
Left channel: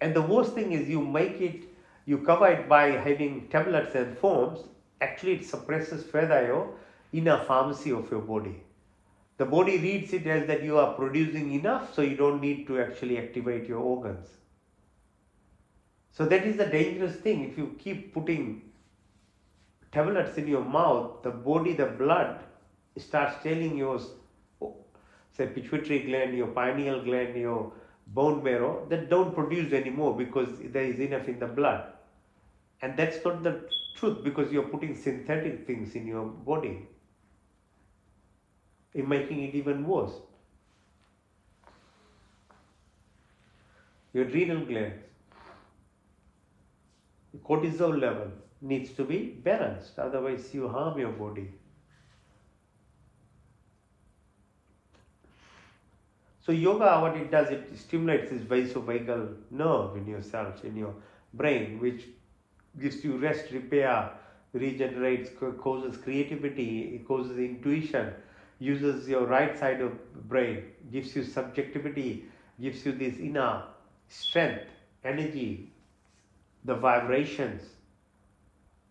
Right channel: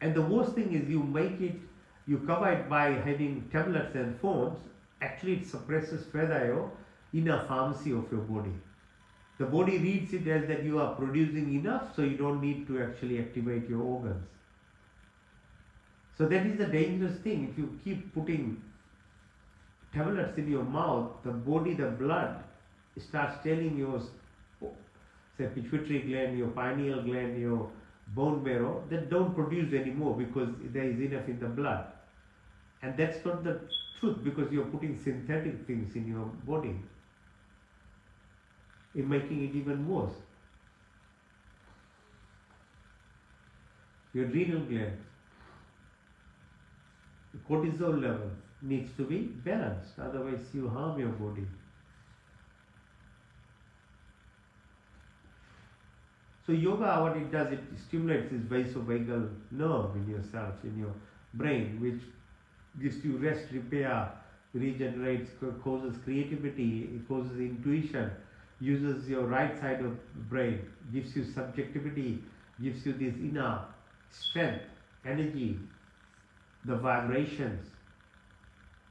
and the worst thing is you cover it by having tablets and foams, actually it suppresses further your inner pharmacy of your body. The body reads it as that you are producing enough, so you don't need to actually activate your organs. So that is the dangerous thing. If you keep putting tablets in your mouth, the body, the blood starts telling your, say, pituitary gland, your pineal gland, your bone marrow, that don't produce anymore because there is enough in the blood. And that's not the truth, because you're putting synthetic things in your body, in making it even worse. Your adrenal glands, cortisol level needs to be balanced, otherwise you harm your body. So yoga, what it does, it stimulates this vasovagal nerve in your cells, in your brain, which gives you rest, repair, regenerates, causes creativity, it causes intuition, uses your right side of the brain, gives you subjectivity, gives you this inner strength, energy, the vibrations,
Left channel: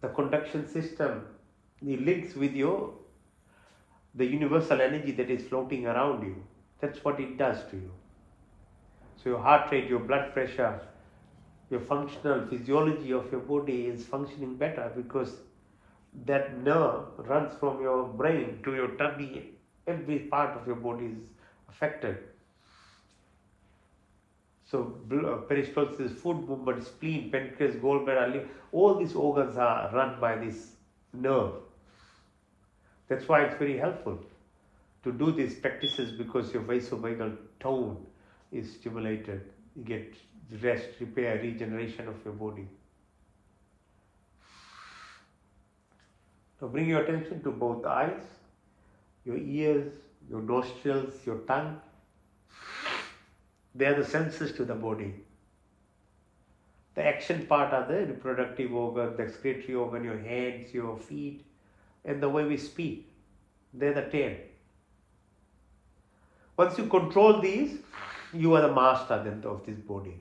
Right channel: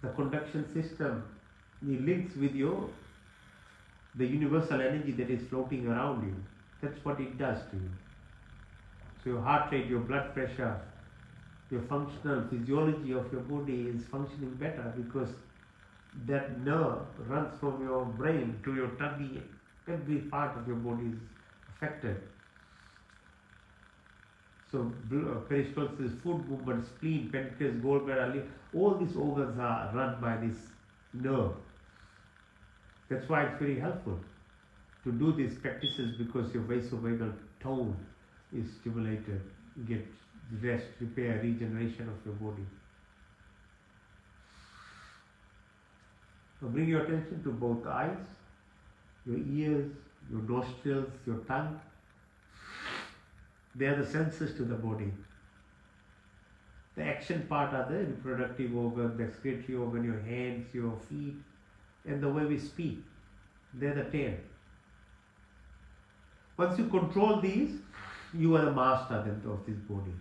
the conduction system, it links with the universal energy that is floating around you. That's what it does to you. So your heart rate, your blood pressure, your functional physiology of your body is functioning better because that nerve runs from your brain to your tummy. Every part of your body is affected. So peristalsis, food movement, spleen, pancreas, gallbladder, liver, all these organs are run by this nerve. That's why it's very helpful to do these practices, because your vasovagal tone is stimulated. You get rest, repair, regeneration of your body. So bring your attention to both eyes, your ears, your nostrils, your tongue. They are the senses to the body. The action part are the reproductive organ, the excretory organ, your hands, your feet, and the way we speak. They're the 10. Once you control these, you are the master then of this body.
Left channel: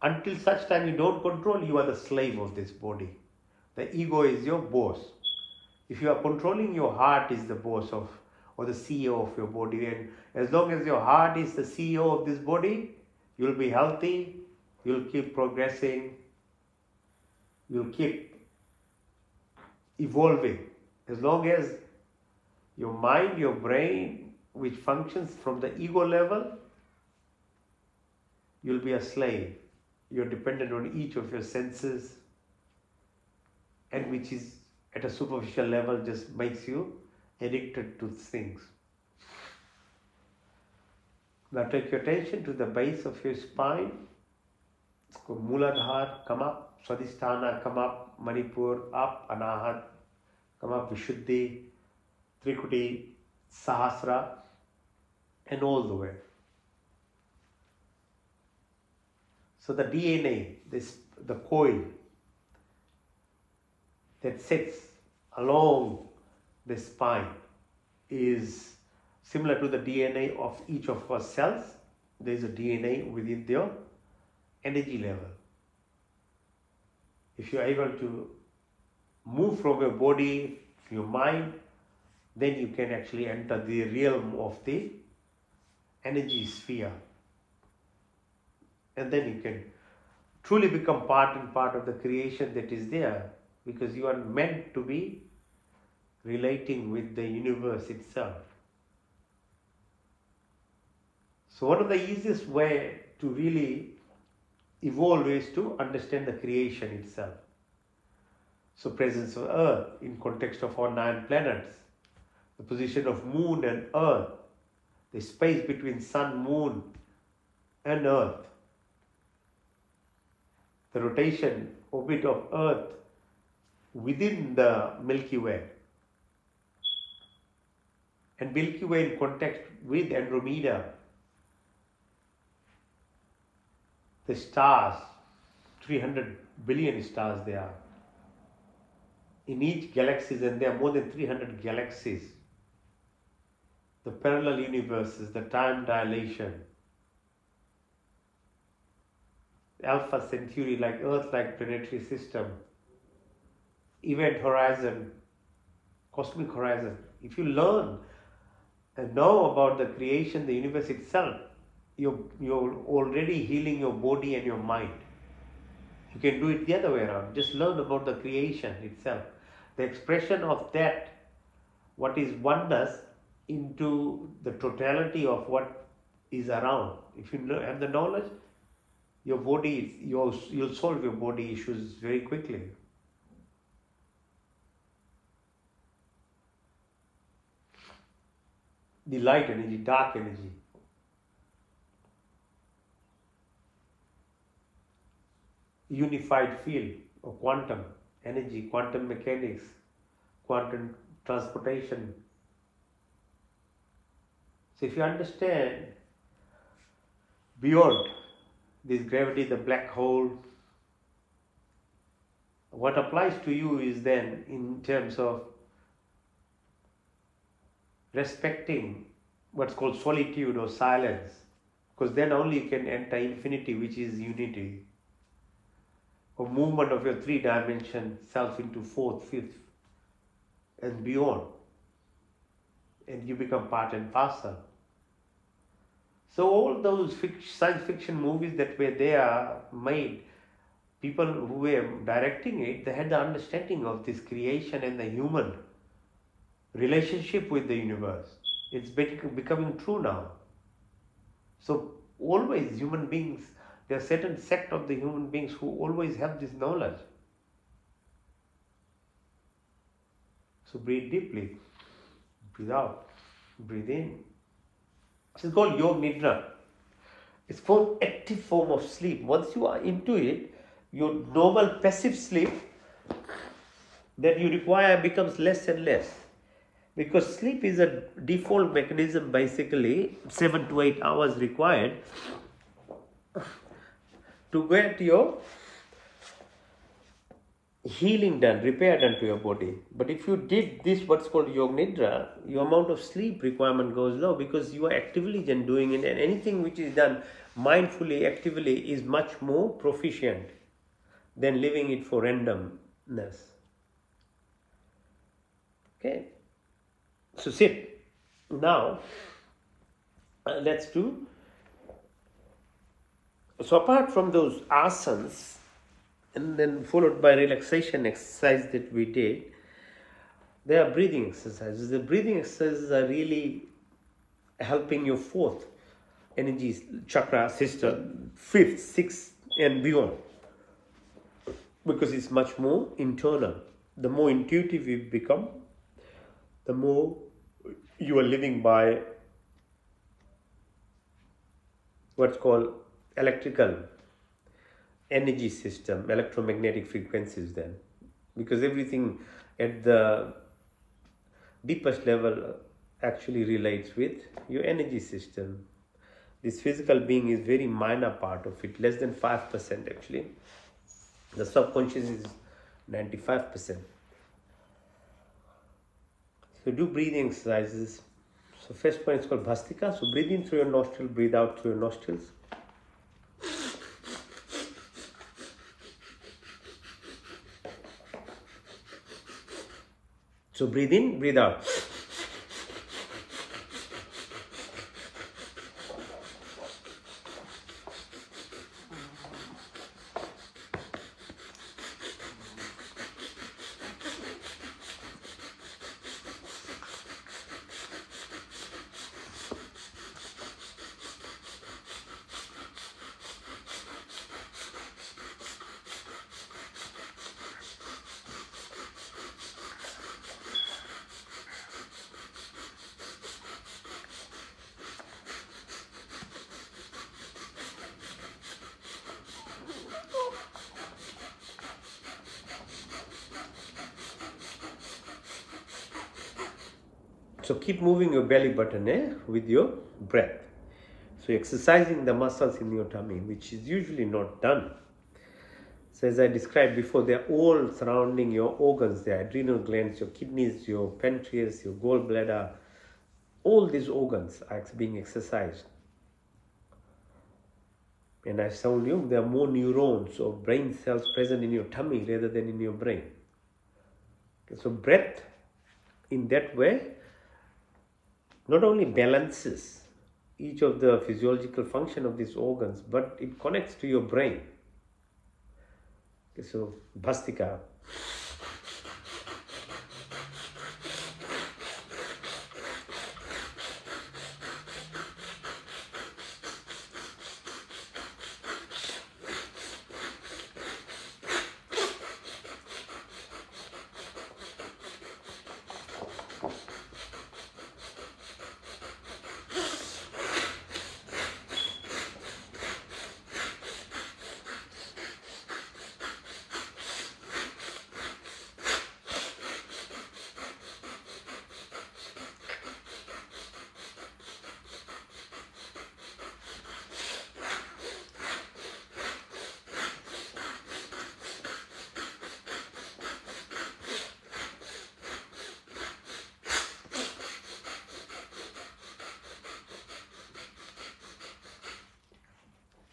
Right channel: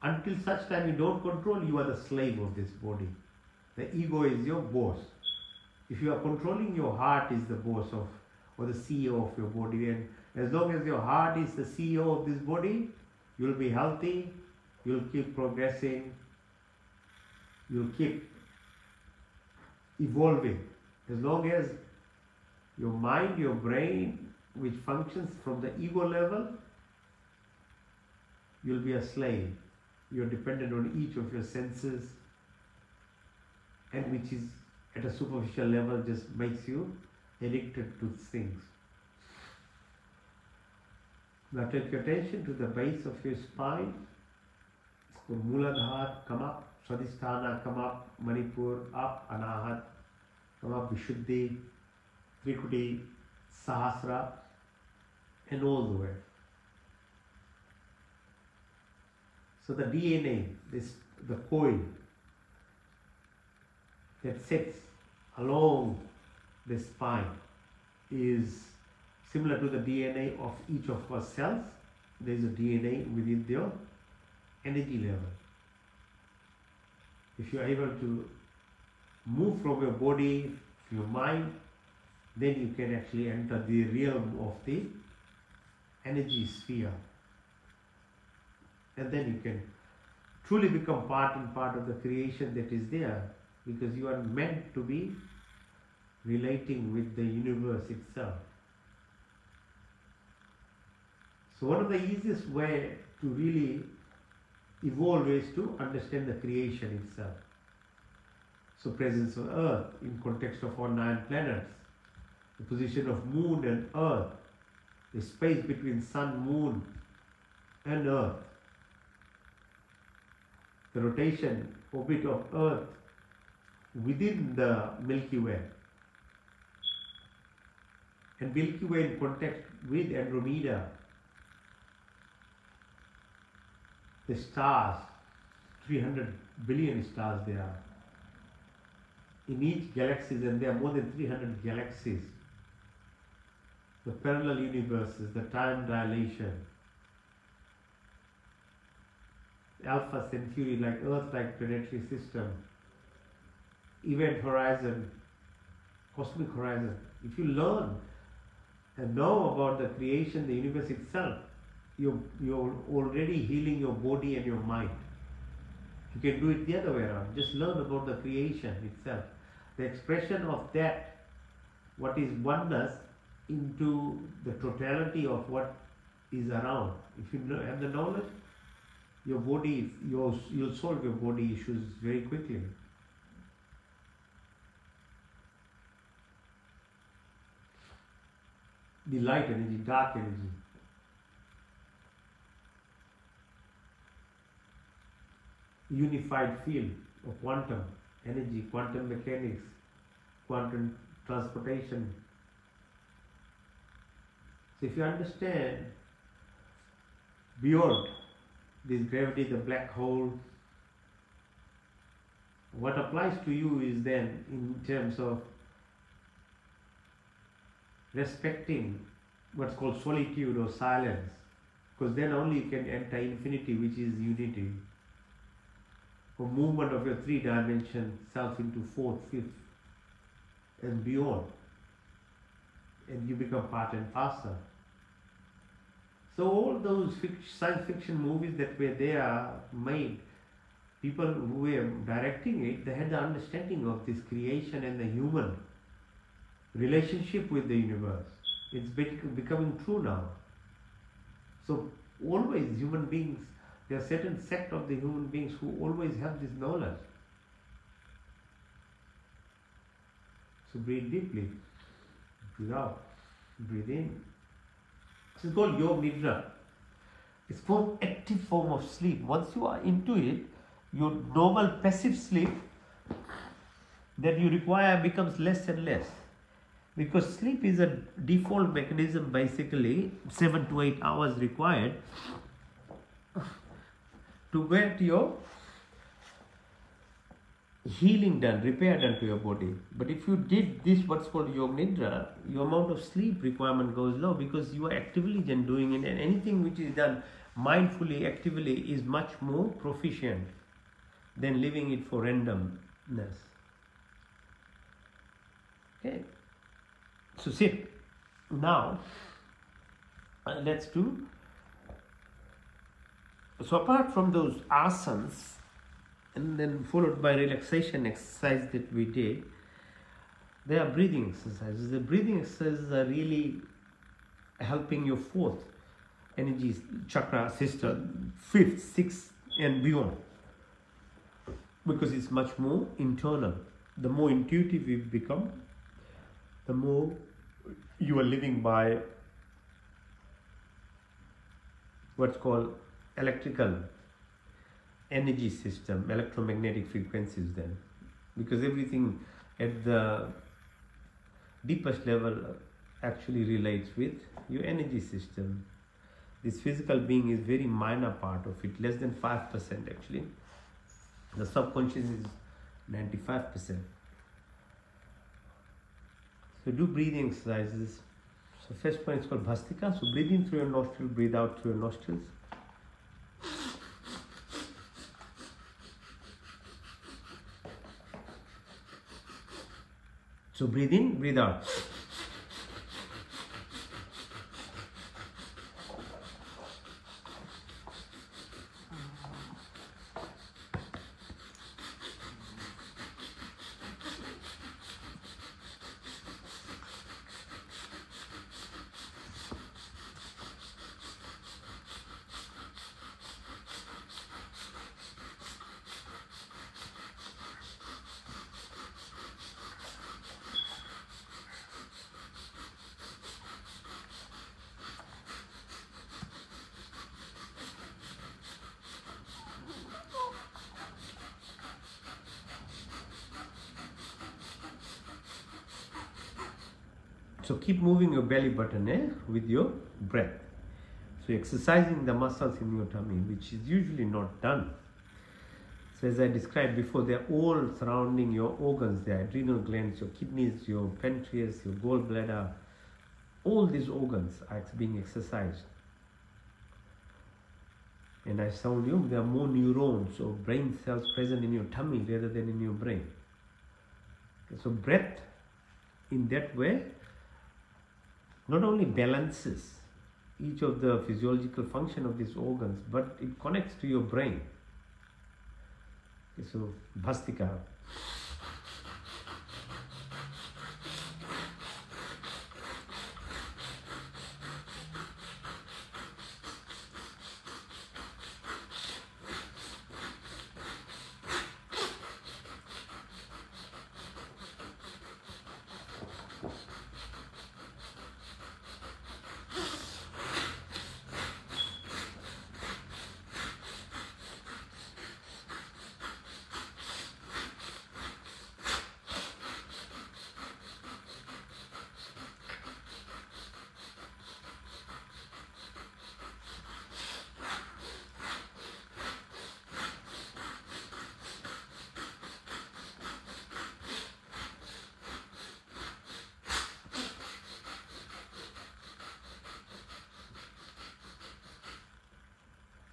Until such time you don't control, you are the slave of this body. The ego is your boss. If you are controlling, your heart is the boss of, or the CEO of your body. And as long as your heart is the CEO of this body, you'll be healthy, you'll keep progressing, you'll keep evolving. As long as Your mind, your brain, which functions from the ego level, you'll be a slave. You're dependent on each of your senses, and which is at a superficial level just makes you addicted to things. Now take your attention to the base of your spine. It's called Muladhara, come up, Swadhisthana, come up, Manipur, up, Anahat, come up, Vishuddhi, Trikuti, Sahasra, and all the way. So the DNA, the coil that sits along the spine is similar to the DNA of each of our cells. There is a DNA within your energy level. If you are able to move from your body to your mind, then you can actually enter the realm of the energy sphere. And then you can truly become part of the creation that is there, because you are meant to be relating with the universe itself. So one of the easiest way to really evolve is to understand the creation itself. So presence of Earth in context of our 9 planets, the position of Moon and Earth, the space between Sun, Moon and Earth, the rotation, orbit of Earth within the Milky Way, and Milky Way in context with Andromeda, the stars, 300 billion stars there are in each galaxy, and there are more than 300 galaxies, the parallel universes, the time dilation, Alpha Centauri, like Earth-like planetary system, event horizon, cosmic horizon. If you learn and know about the creation, the universe itself, you're already healing your body and your mind. You can do it the other way around. Just learn about the creation itself, the expression of that, what is oneness, into the totality of what is around. If you have the knowledge, your body, you'll solve your body issues very quickly. The light energy, dark energy. Unified field of quantum energy, quantum mechanics, quantum transportation. So if you understand beyond this gravity, the black hole, what applies to you is then in terms of respecting what's called solitude or silence, because then only you can enter infinity, which is unity, or movement of your 3-dimension self into 4th, 5th and beyond, and you become part and parcel. So all those science fiction movies that were there made, people who were directing it, they had the understanding of this creation and the human relationship with the universe. It's becoming true now. So always human beings, there are certain sect of the human beings who always have this knowledge. So breathe deeply, breathe out, breathe in. It's called Yoga Nidra. It's called active form of sleep. Once you are into it, your normal passive sleep that you require becomes less and less. Because sleep is a default mechanism, basically 7 to 8 hours required to get your healing done, repair done to your body. But if you did this, what's called Yoga Nidra, your amount of sleep requirement goes low, because you are actively then doing it, and anything which is done mindfully, actively, is much more proficient than living it for randomness. Okay, so sit. Now let's do. So apart from those asanas, and then followed by relaxation exercise that we did, They are breathing exercises. The breathing exercises are really helping your fourth energy chakra system, fifth, sixth, and beyond, because it's much more internal. The more intuitive you become, the more you are living by what's called electrical energy system, electromagnetic frequencies then, because everything at the deepest level actually relates with your energy system. This physical being is very minor part of it, less than 5% actually. The subconscious is 95%. So do breathing exercises. So first one is called Bhastika. So breathe in through your nostril, breathe out through your nostrils. So breathe in, breathe out. So keep moving your belly button with your breath. So exercising the muscles in your tummy, which is usually not done. So as I described before, they're all surrounding your organs, the adrenal glands, your kidneys, your pancreas, your gallbladder. All these organs are being exercised. And I told you there are more neurons or brain cells present in your tummy rather than in your brain. Okay, so breath in that way not only balances each of the physiological function of these organs, but it connects to your brain. Okay, so Bhastika.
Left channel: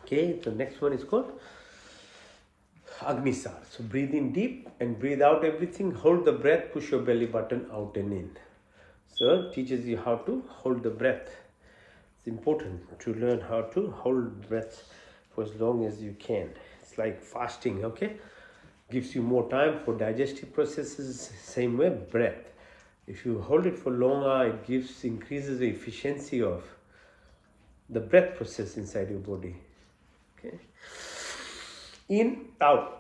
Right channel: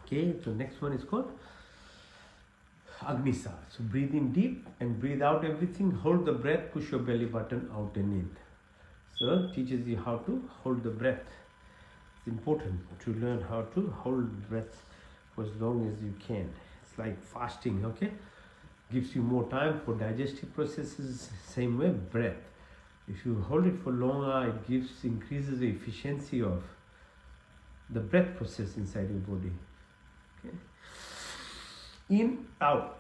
Okay, the next one is called Agnisar. So breathe in deep and breathe out everything. Hold the breath, push your belly button out and in. So it teaches you how to hold the breath. It's important to learn how to hold breath for as long as you can. It's like fasting, okay? Gives you more time for digestive processes. Same way, breath. If you hold it for longer, it increases the efficiency of the breath process inside your body. Okay. In, out.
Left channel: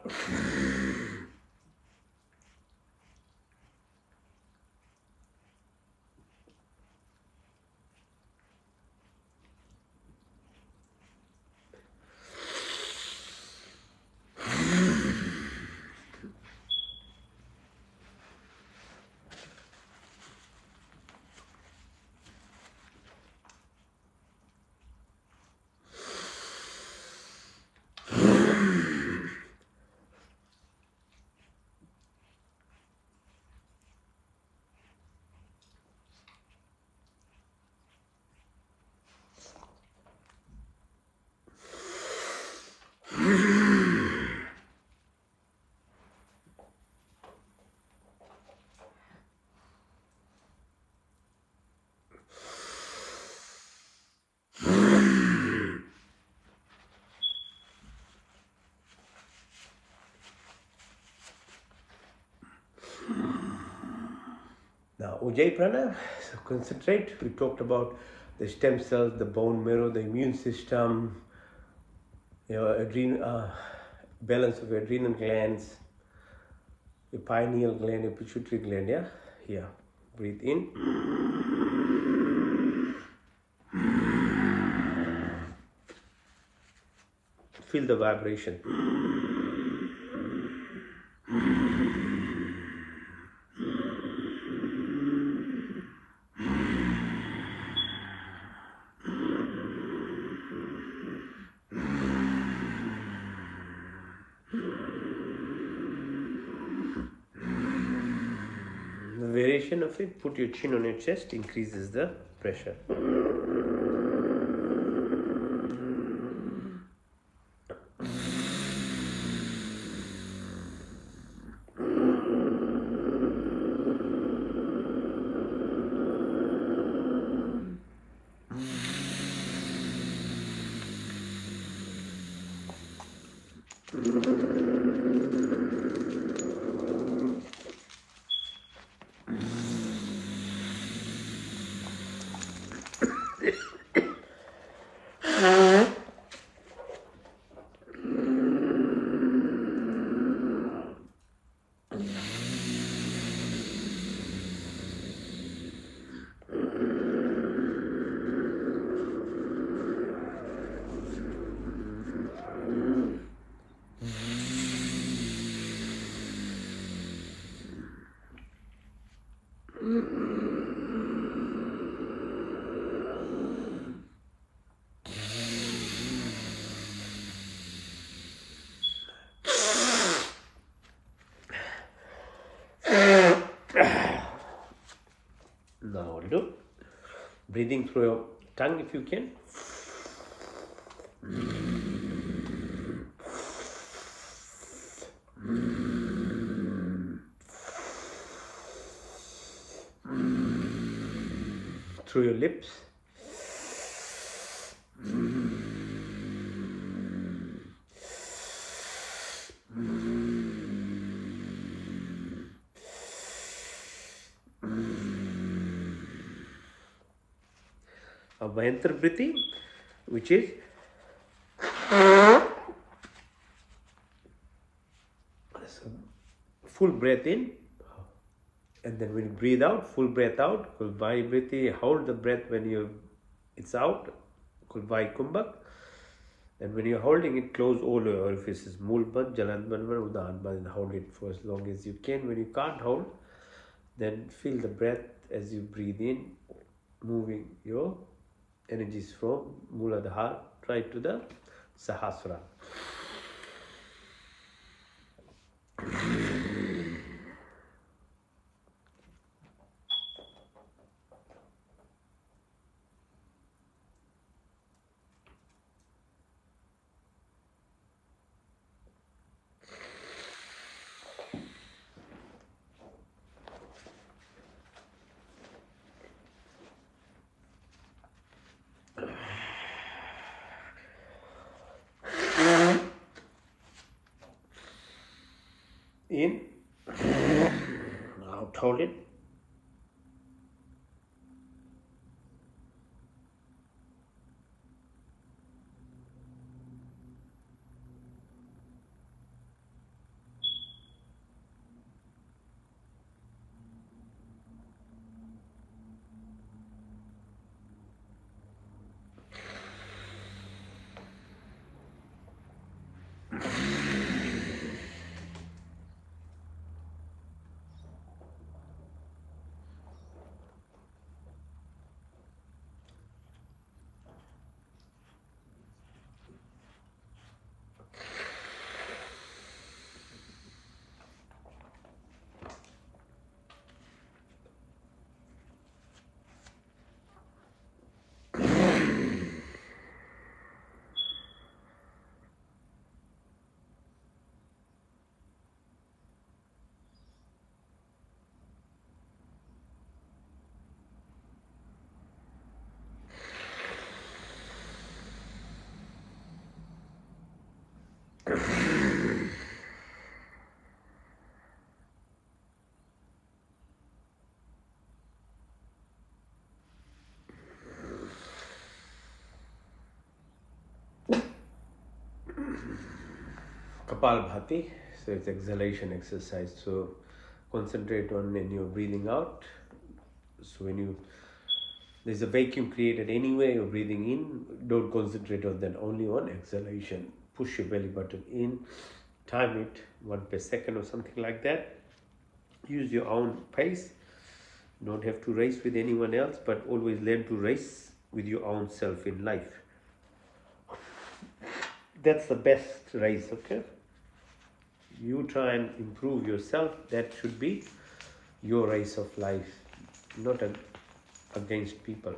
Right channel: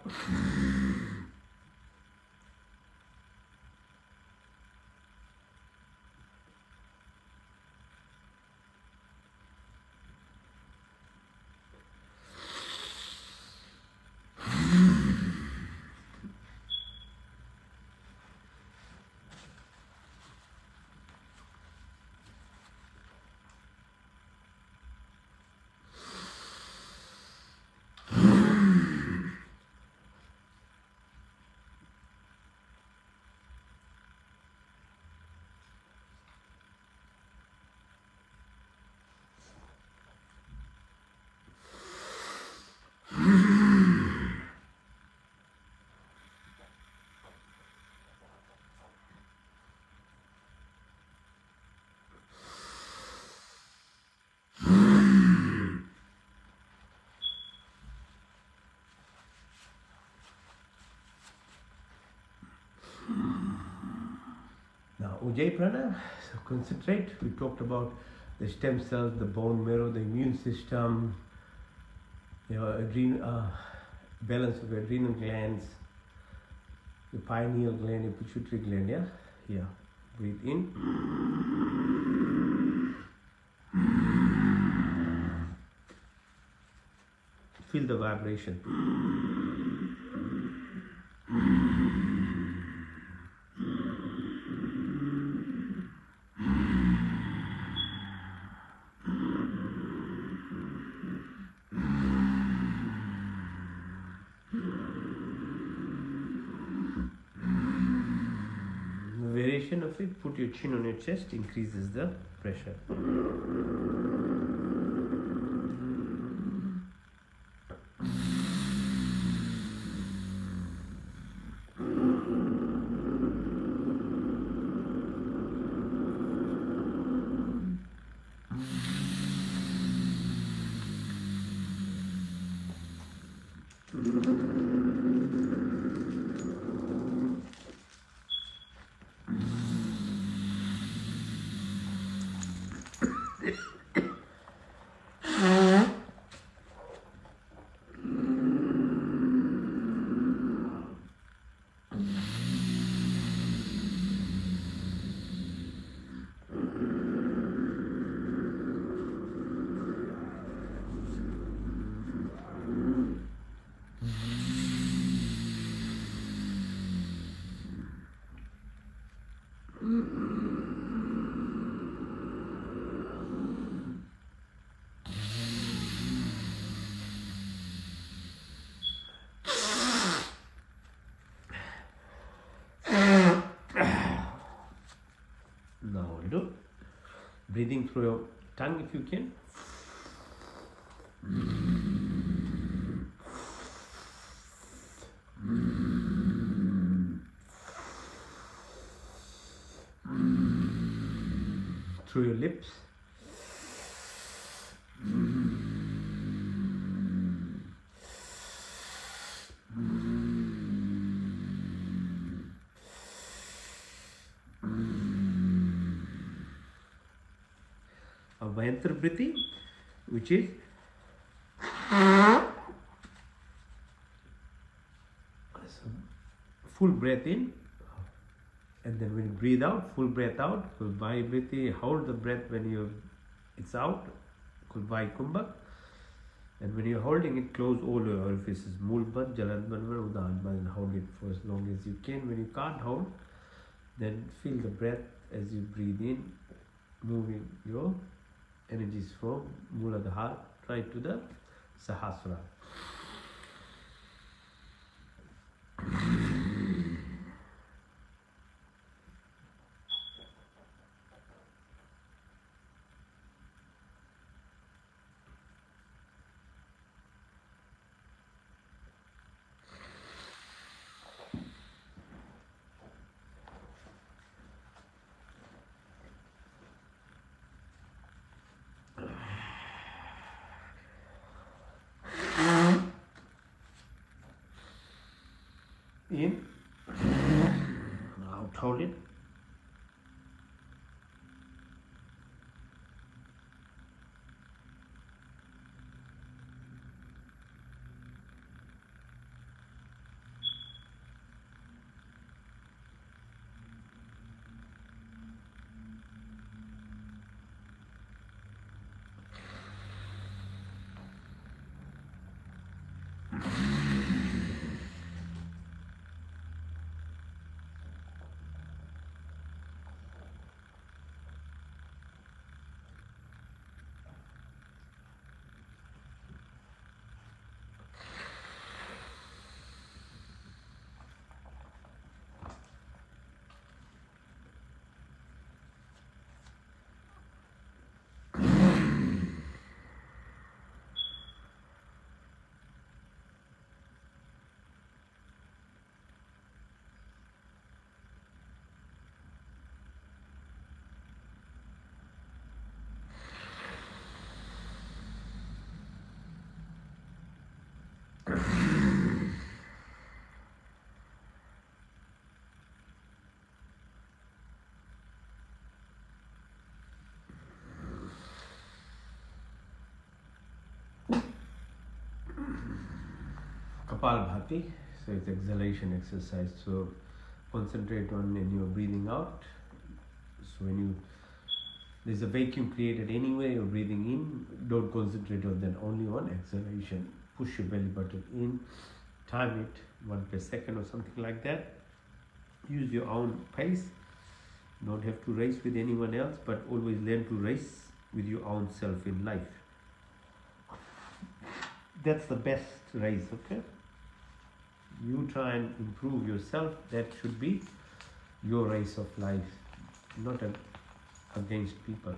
Now, Ujjayi Prana, so concentrate. We talked about the stem cells, the bone marrow, the immune system, your balance of your adrenal glands, your pineal gland, your pituitary gland. Yeah, here. Breathe in. Feel the vibration. The variation of it, put your chin on your chest, increases the pressure. Now do breathing through your tongue if you can. Through your lips. A Mayantra breathing, which is full breath in, and then when you breathe out, full breath out. Kulbai breathing, hold the breath when it's out. Kulbai kumbhak. And when you're holding it, close all your orifices. Mulband, Jalandban, Udanban, and hold it for as long as you can. When you can't hold, then feel the breath as you breathe in, moving your energies from Muladhara right to the Sahasrara. In, out, hold it. Kapalbhati. So it's exhalation exercise. So concentrate on when you're breathing out. So when there's a vacuum created anyway, you're breathing in, don't concentrate on that, only on exhalation. Push your belly button in, time it 1 per second or something like that. Use your own pace. Don't have to race with anyone else, but always learn to race with your own self in life. That's the best race, okay? You try and improve yourself. That should be your race of life, not against people.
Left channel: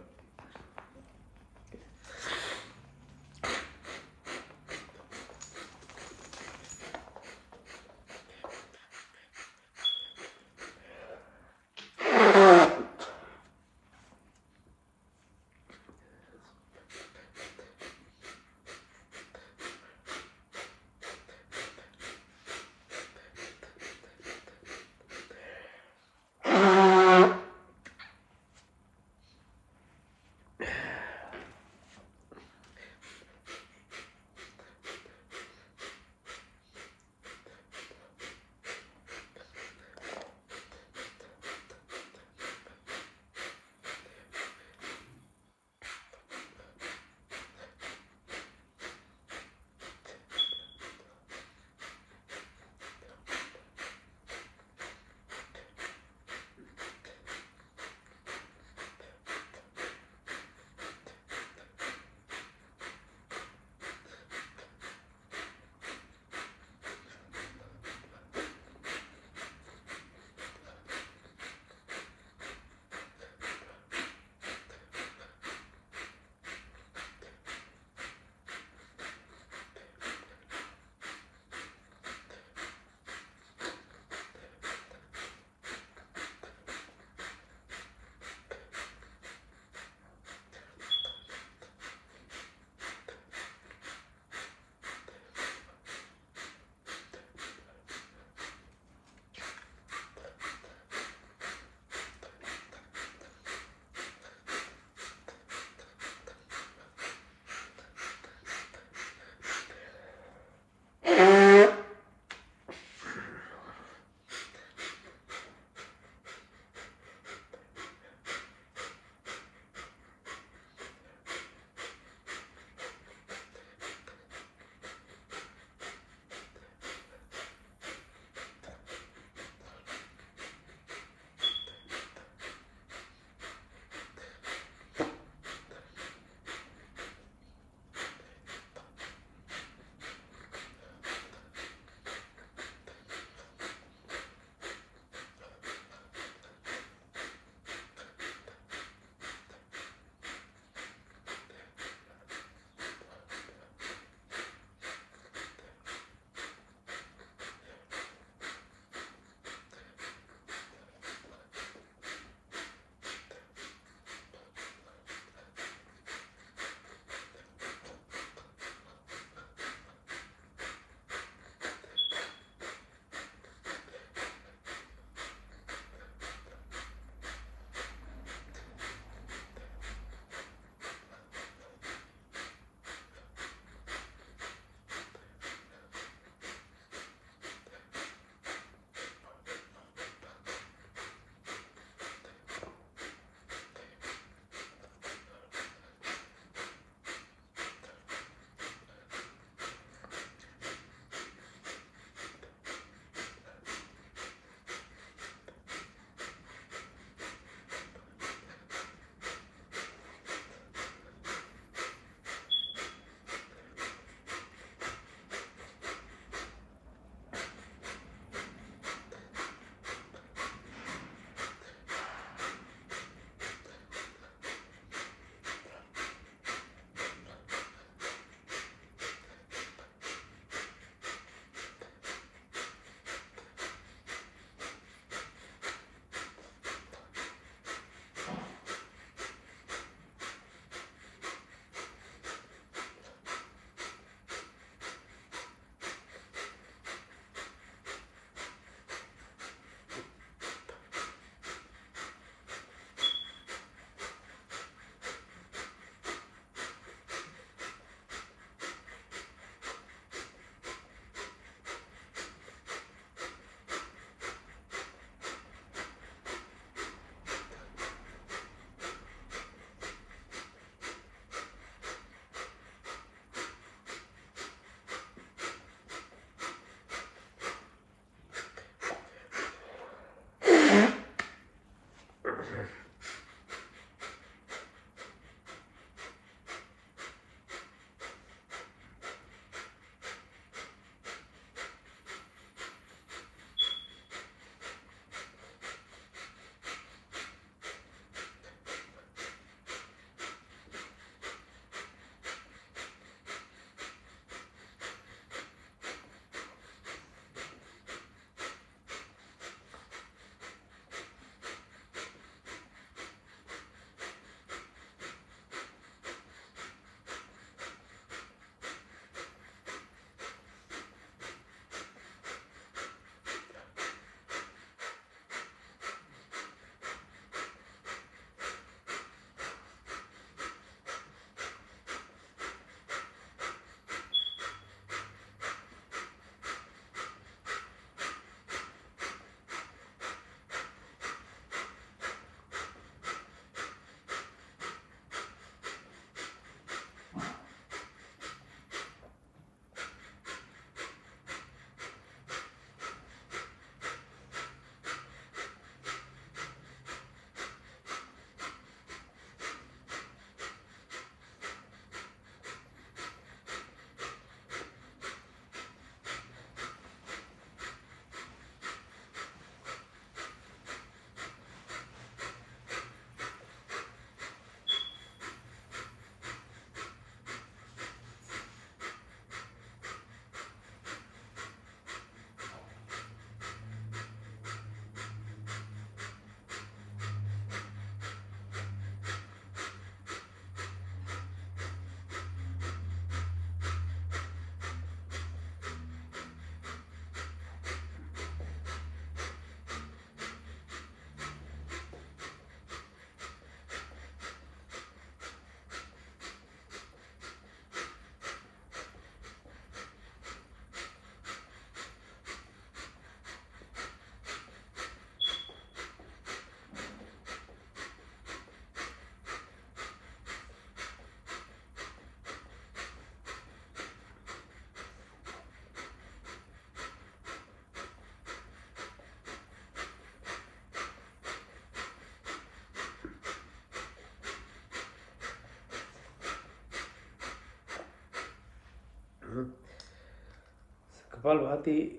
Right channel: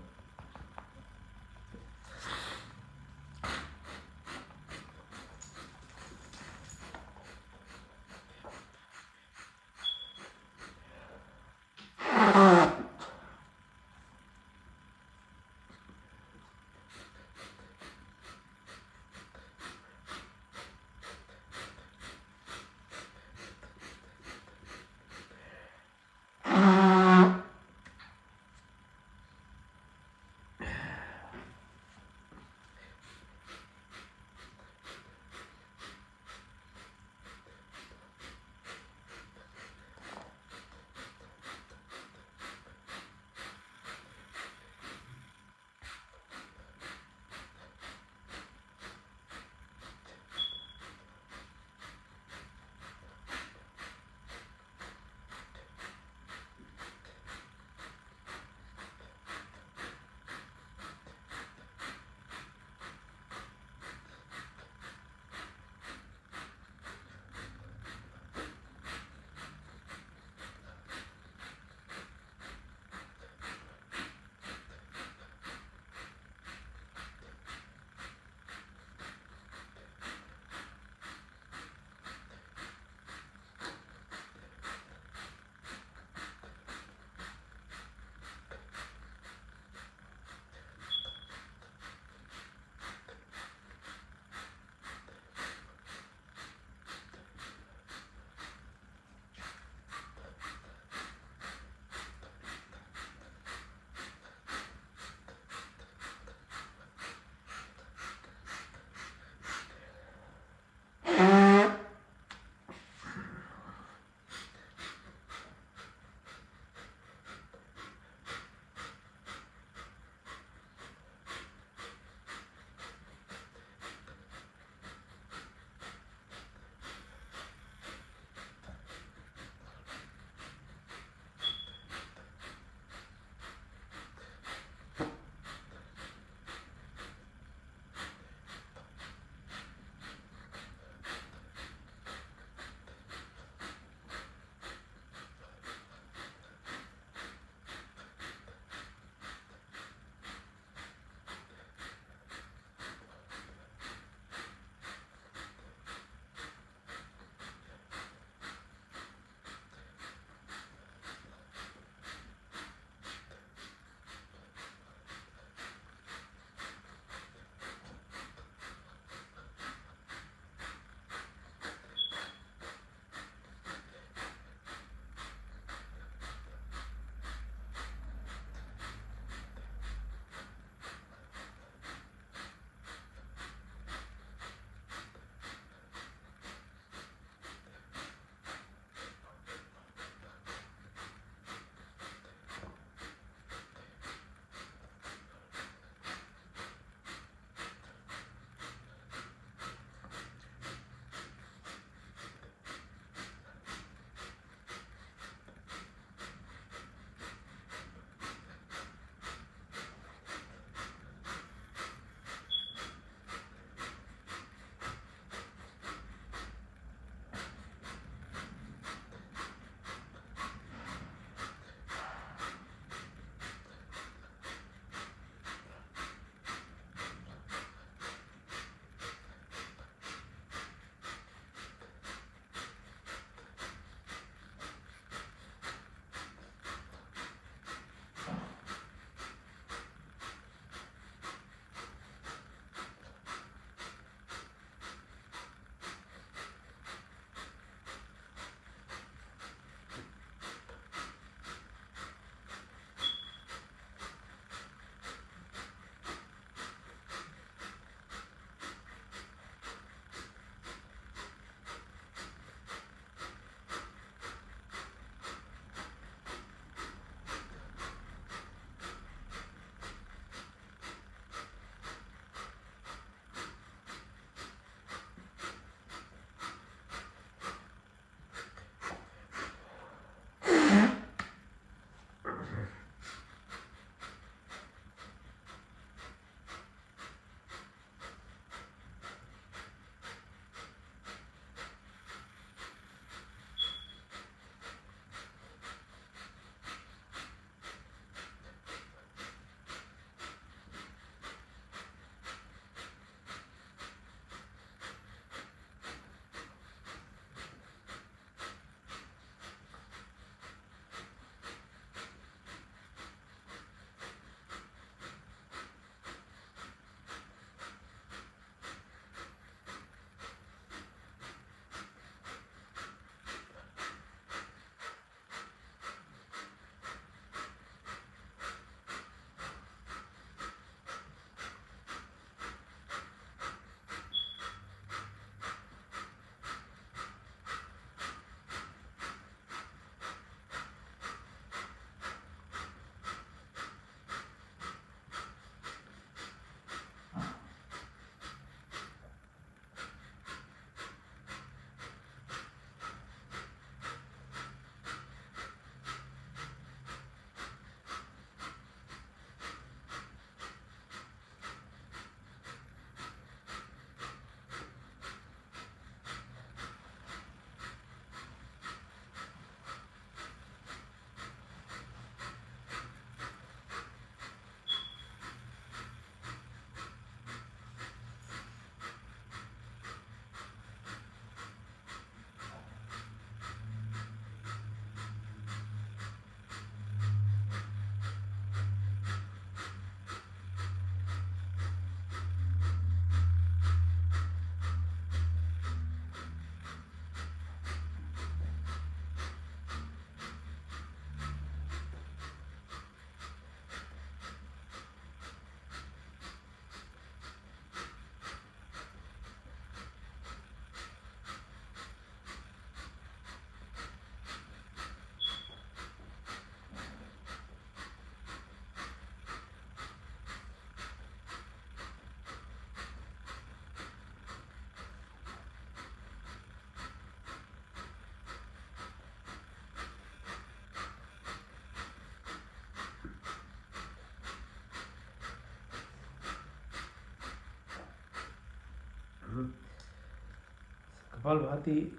Kapalbhati,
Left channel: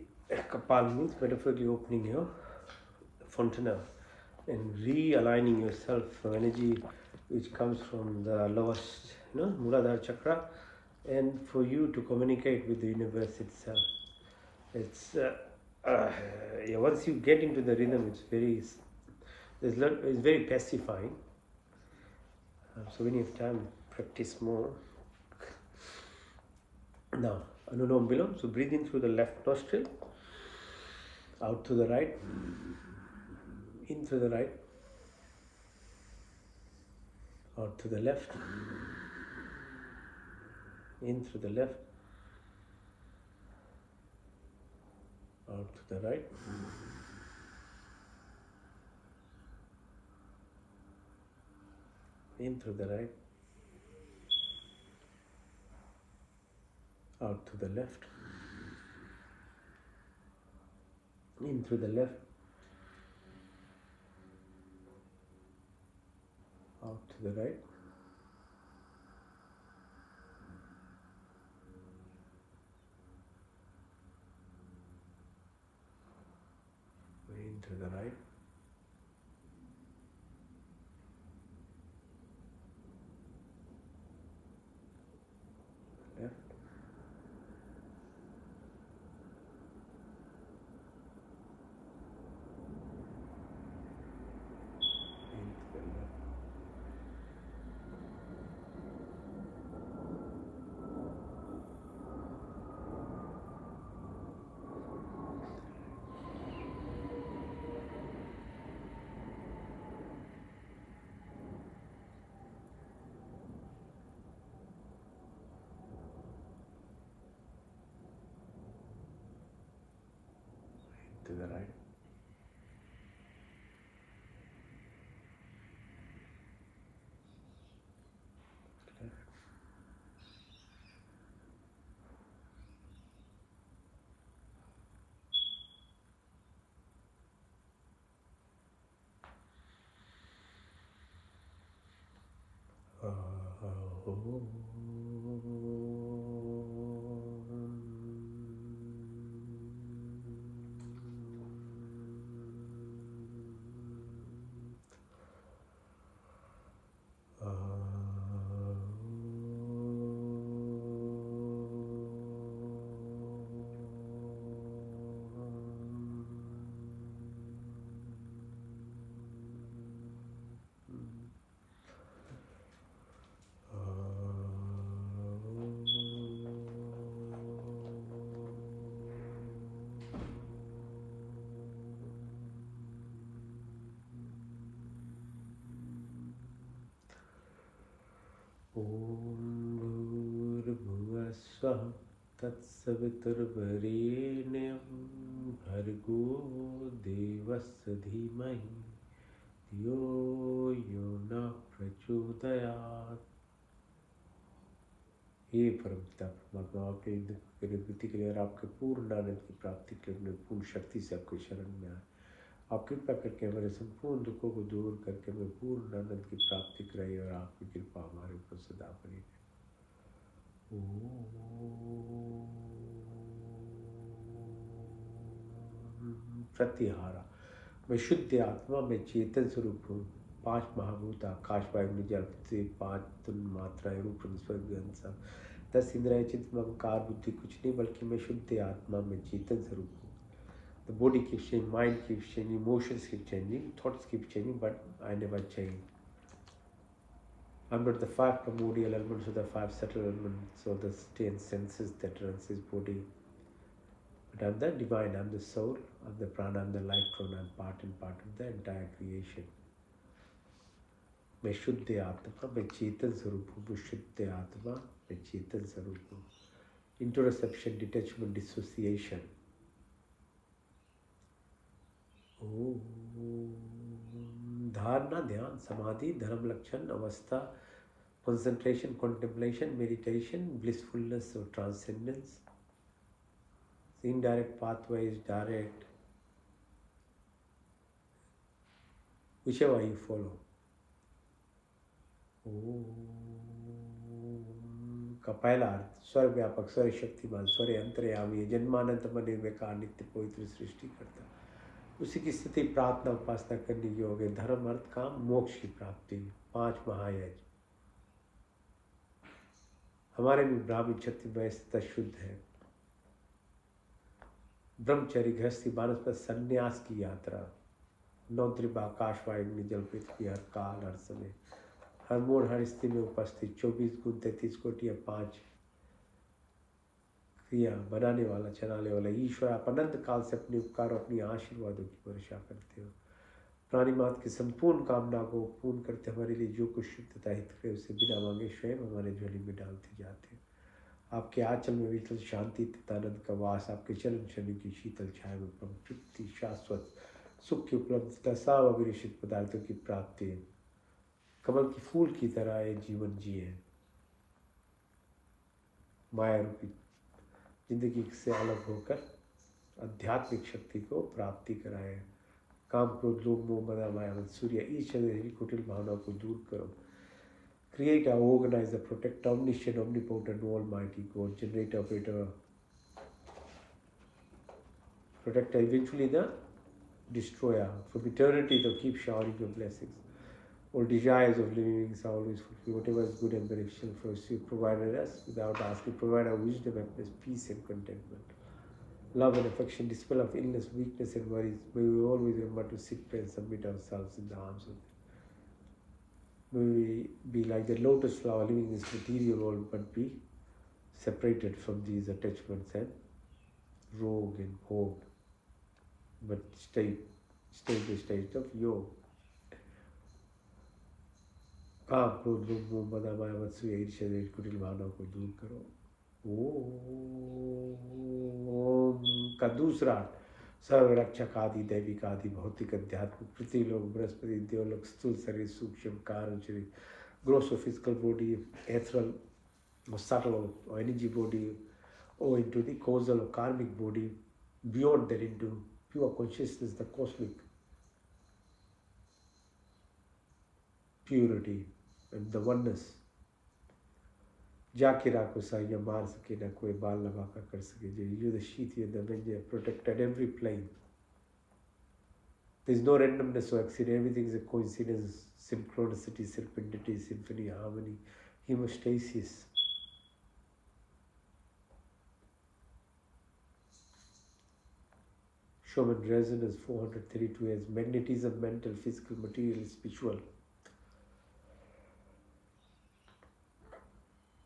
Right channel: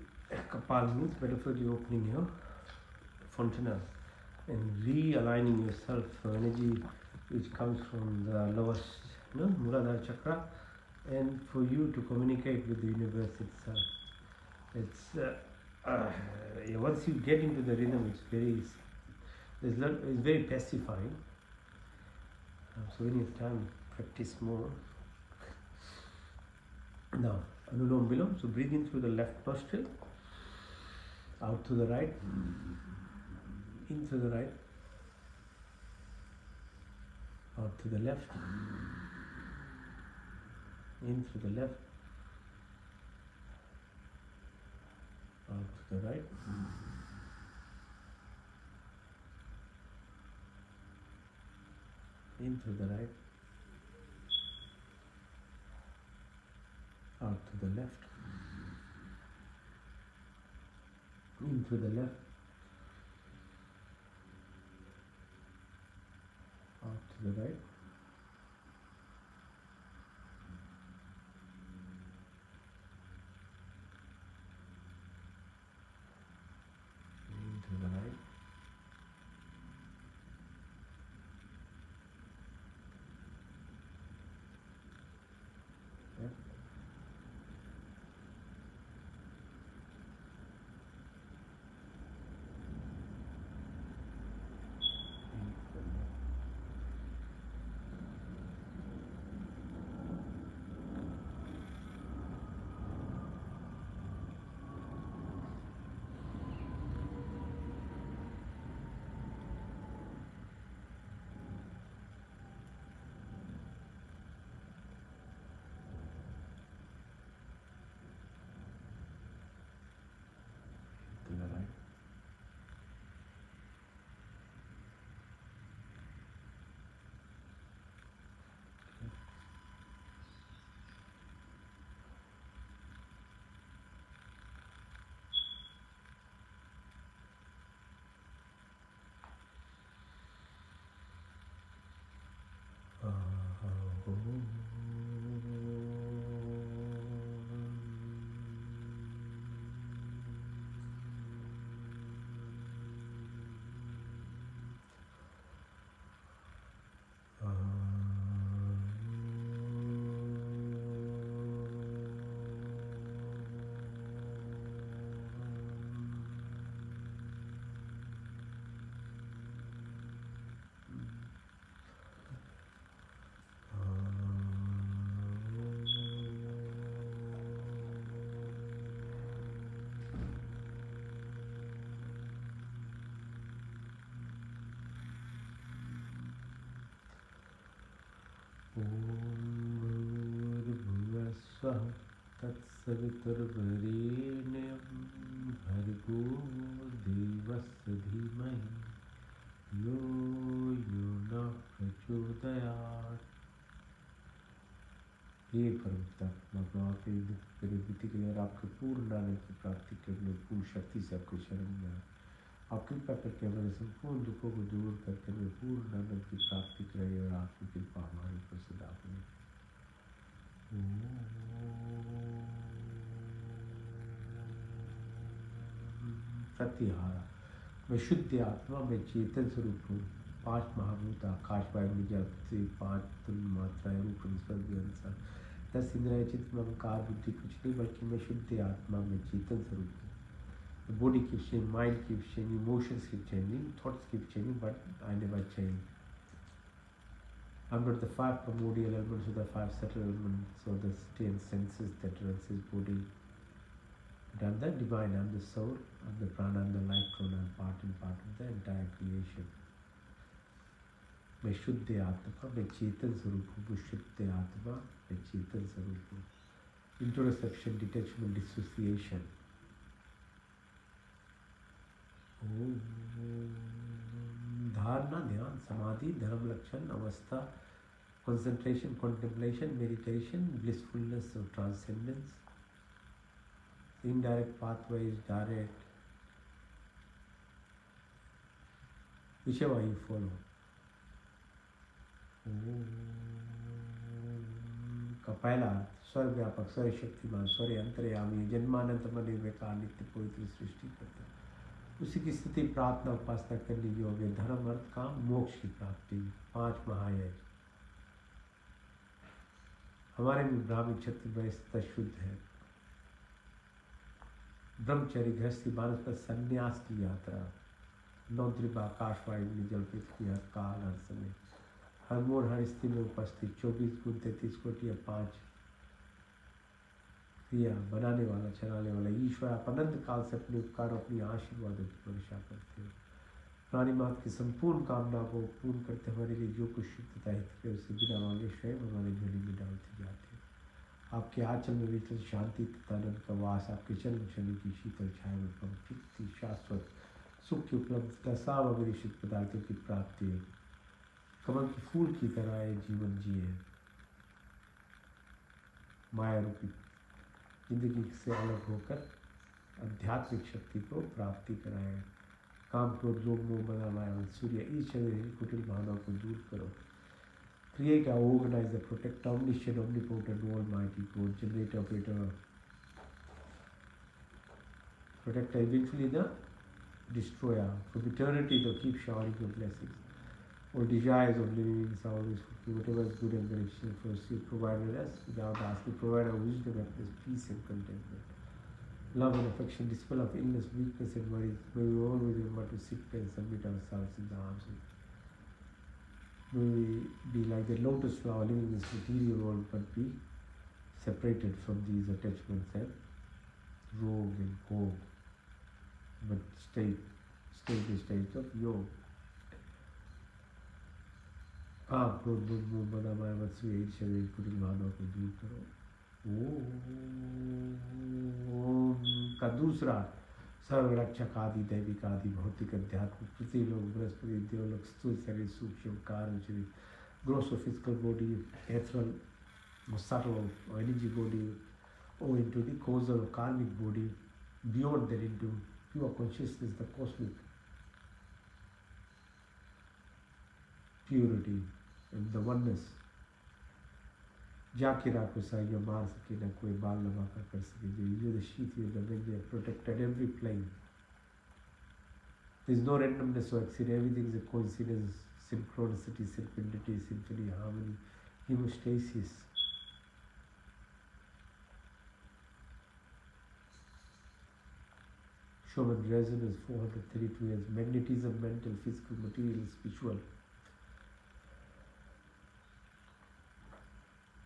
Kapal means metaphorically opening your fontanel and realigning yourself from energy which comes from the lowest, Muladhara chakra, and for you to communicate with the universe itself. It's once you get into the rhythm, it's very pacifying. So when you have time, practice more. Now, Anulom Vilom. So breathe in through the left nostril, out through the right, in through the right, out through the left, in through the left, out to the right, in through the right, out to the left, in through the left, out to the right, in through the right, left, in through the left. To the right. Om Bhurabhuva Swaha Tatsaviturvarenyam Bhargo Devasya Dhimahi Yo Yona Prachodayat. हे परमपिता परमात्मा, आपके विनती के लिए और आपके पूर्ण आनंद की प्राप्ति के लिए पूर्ण शक्ति से आपको शरण में आए। आप कृपा करके हमारे संपूर्ण दुखों को दूर करके हमें पूर्ण आनंद की प्राप्ति कराइए और आपकी कृपा हमारे ऊपर सदा बनी। प्रतिहारा। मैं शुद्ध आत्मा में चेतन स्वरूप हूँ। 5 महाभूत आकाश वायु में जल पृथ्वी 5 मात्राएं रूप स्वर्ग 10 इंद्रिय चित्त अहंकार बुद्धि कुछ नहीं, बल्कि मैं शुद्ध आत्मा में चेतन स्वरूप हूँ। The body keeps changing, mind keeps changing, emotions keep changing, thoughts keep changing, but I never change. I'm not the 5 primordial elements or the 5 subtle elements or the 10 senses that runs his body. But I'm the divine, I'm the soul, I'm the prana, I'm the life force, I'm part and part of the entire creation. मैं शुद्ध आत्मा मैं चेतन स्वरूप हूँ। शुद्ध आत्मा मैं चेतन स्वरूप हूँ। इंट्रोसेप्शन, डिटैचमेंट, डिसोसिएशन। धारणा, ध्यान, समाधि, धर्म लक्षण, अवस्था, concentration, contemplation, meditation, blissfulness or transcendence. Indirect pathways, direct, whichever you follow. का पहला अर्थ स्वर व्यापक, स्वर शक्तिमान, स्वर अंतर्यामी, जन्मानंत निर्विकार, नित्य पवित्र सृष्टि करता। उसी की स्थिति प्रार्थना उपासना करने योग्य, धर्म अर्थ काम मोक्ष की प्राप्ति, 5 महायज्ञ। हमारे भी ब्राह्मी क्षत्रिय वैश्य शुद्ध है। ब्रह्मचर्य, गृहस्थी, वानप्रस्थ, संन्यास की यात्रा, 9 त्रिभा, आकाश, वायु, जल, पृथ्वी, हर काल, हर समय, हर मोड़, हर स्थिति में उपस्थित, 24 गुण, 33 कोटि या 5 क्रिया, बनाने वाला, चलाने वाला ईश्वर, आप अनंत काल से अपने उपकार और अपनी आशीर्वादों की वर्षा करते हो। प्राणी मात्र की संपूर्ण कामना को पूर्ण करते हमारे लिए जो कुछ शुभ तथा हित है उसे बिना मांगे स्वयं हमारे झोली में डालते जाते हो। आपके आंचल में विठल शांति तथा आनंद का वास, आपके चरण चरण की शीतल छाया में तृप्ति, शाश्वत सुख की उपलब्धता, सब अविरक्षित पदार्थों की प्राप्ति, कमल की फूल की तरह ये जीवन जिए, माया रूपी जिंदगी से अलग होकर आध्यात्मिक शक्ति को प्राप्ति कराए। काम, क्रोध, लोभ, मोह, मद, माया, सूर्य, ईश्वर कुटिल भावनाओं को दूर करो। Create, organize, protect, omniscient, omnipotent, almighty God, generator, operator, protector, eventually the destroyer. From eternity, to keep showering your blessings. All desires of living beings are always fulfilled. Whatever is good and beneficial for us, you provided us without asking. Provide our wisdom, happiness, peace, and contentment. Love and affection, dispel of illness, weakness, and worries. May we always remember to seek prayer and submit ourselves in the arms of. May we be like the lotus flower living in this material world, but be separated from these attachments and rogue and hog, but stay the state of yoga. काम, क्रोध, लोभ, मोह, मद, माया, मत्सर्य, ईर्ष्या, द्वेष, कुटिल भावनाओं को दूर करो। ओम का दूसरा सर्व रक्षक आदि दैविक आदि भौतिक अध्यात्मिक पृथ्वीलोक, बृहस्पति, देवलोक, स्थूल शरीर, सूक्ष्म कारण शरीर, gross or physical body, ethereal or subtle or energy body, or into the causal or karmic body, beyond that into pure consciousness, the cosmic purity and the oneness. जाके राखो साइया, मार सके न कोई, बाल लगा कर सके जो। You the sheath, you the avenger, protected every plane. There is no randomness or accident. Everything is a coincidence, synchronicity, serendipity, symphony, harmony, hemostasis. Schumann resonance 432 as magnetism, mental, physical, material, spiritual.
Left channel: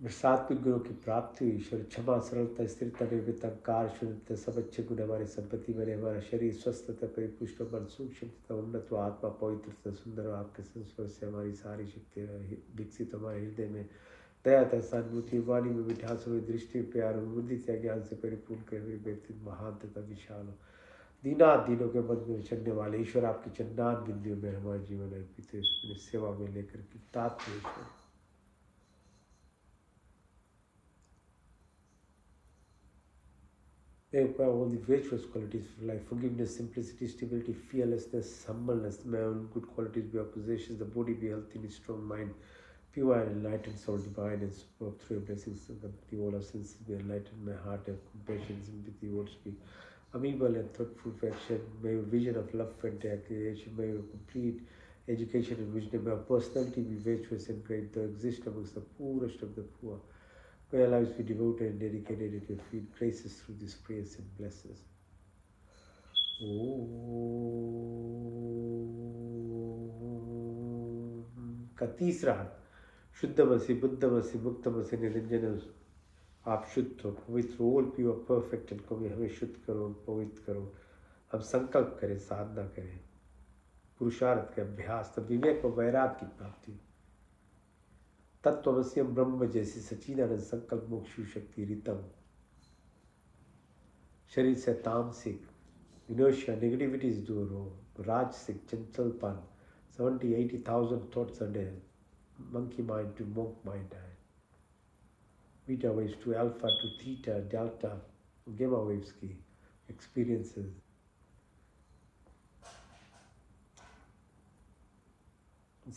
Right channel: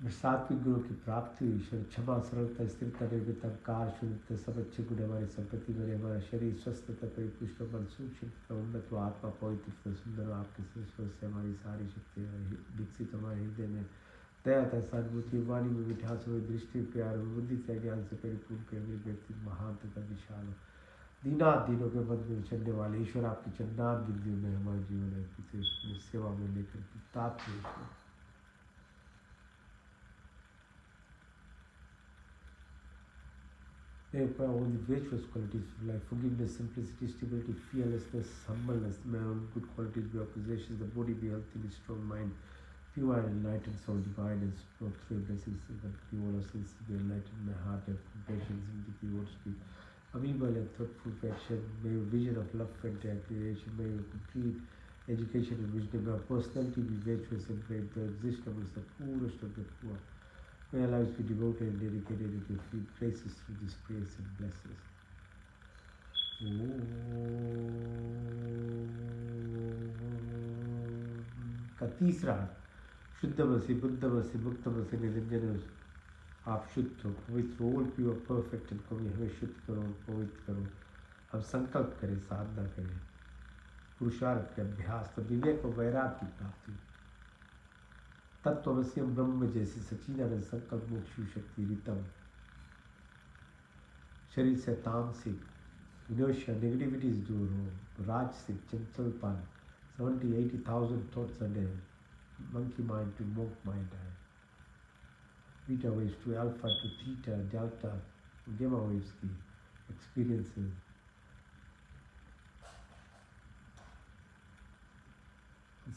सात्विक गुणों की प्राप्ति हुई। ईश्वर क्षमा, सरलता, स्थिरता, निर्भीकता, car, शुद्धता, सब अच्छे गुण हमारी संपत्ति बने। हमारा शरीर स्वस्थ तथा परिपुष्ट, मन सूक्ष्म तथा उन्नत, आत्मा पवित्र तथा सुंदर। आपके संस्पर्श से हमारी सारी शक्तियाँ विकसित, हमारे हृदय में दया तथा सहानुभूति, वाणी में मिठास, हमारी दृष्टि में प्यार, बुद्धि तथा ज्ञान से परिपूर्ण कर मेरे व्यक्तित्व महान तथा विशाल हो। दीनात दिनों के मध्य में विचरने वाले ईश्वर, आपकी चंदान बिंदियों में हमारे जीवन अर्पित है, सेवा में लेकर के तात्पर्य ईश्वर। They require all the virtuous qualities of life: forgiveness, simplicity, stability, fearlessness, humbleness. May all good qualities be our possessions. The body be healthy, and strong mind, pure and enlightened soul, divine and spoke through your blessings. But all our senses be enlightened. My heart have compassion, sympathy, words speak. Amiable and thoughtful affection. May your vision of love and creation. May your complete education and wisdom. May our personality be virtuous and great, though exist amongst the poorest of the poor. May our lives be devoted and dedicated at your feet. Grace us through these prayers and bless us. का तीसरा शुद्धमसि, बुद्धमसि, मुक्तमसि, निरंजनमसि। आप शुद्ध हो, पवित्र, all pure, perfect and कभी हमें शुद्ध करो, पवित्र करो। हम संकल्प करें, साधना करें, पुरुषार्थ के अभ्यास, तब विवेक और वैराग्य की प्राप्ति। तत्वमस्यम ब्रह्म जैसी सच्चिदानंद संकल्प मोक्ष शक्ति रितम। शरीर से तामसिक इनर्शिया, नेगेटिविटीज दूर हो। राजसिक चंचलपन, 70,000-80,000 thoughts a day, monkey mind to monk mind है। Beta waves to alpha to theta delta gamma waves की एक्सपीरियंसेस।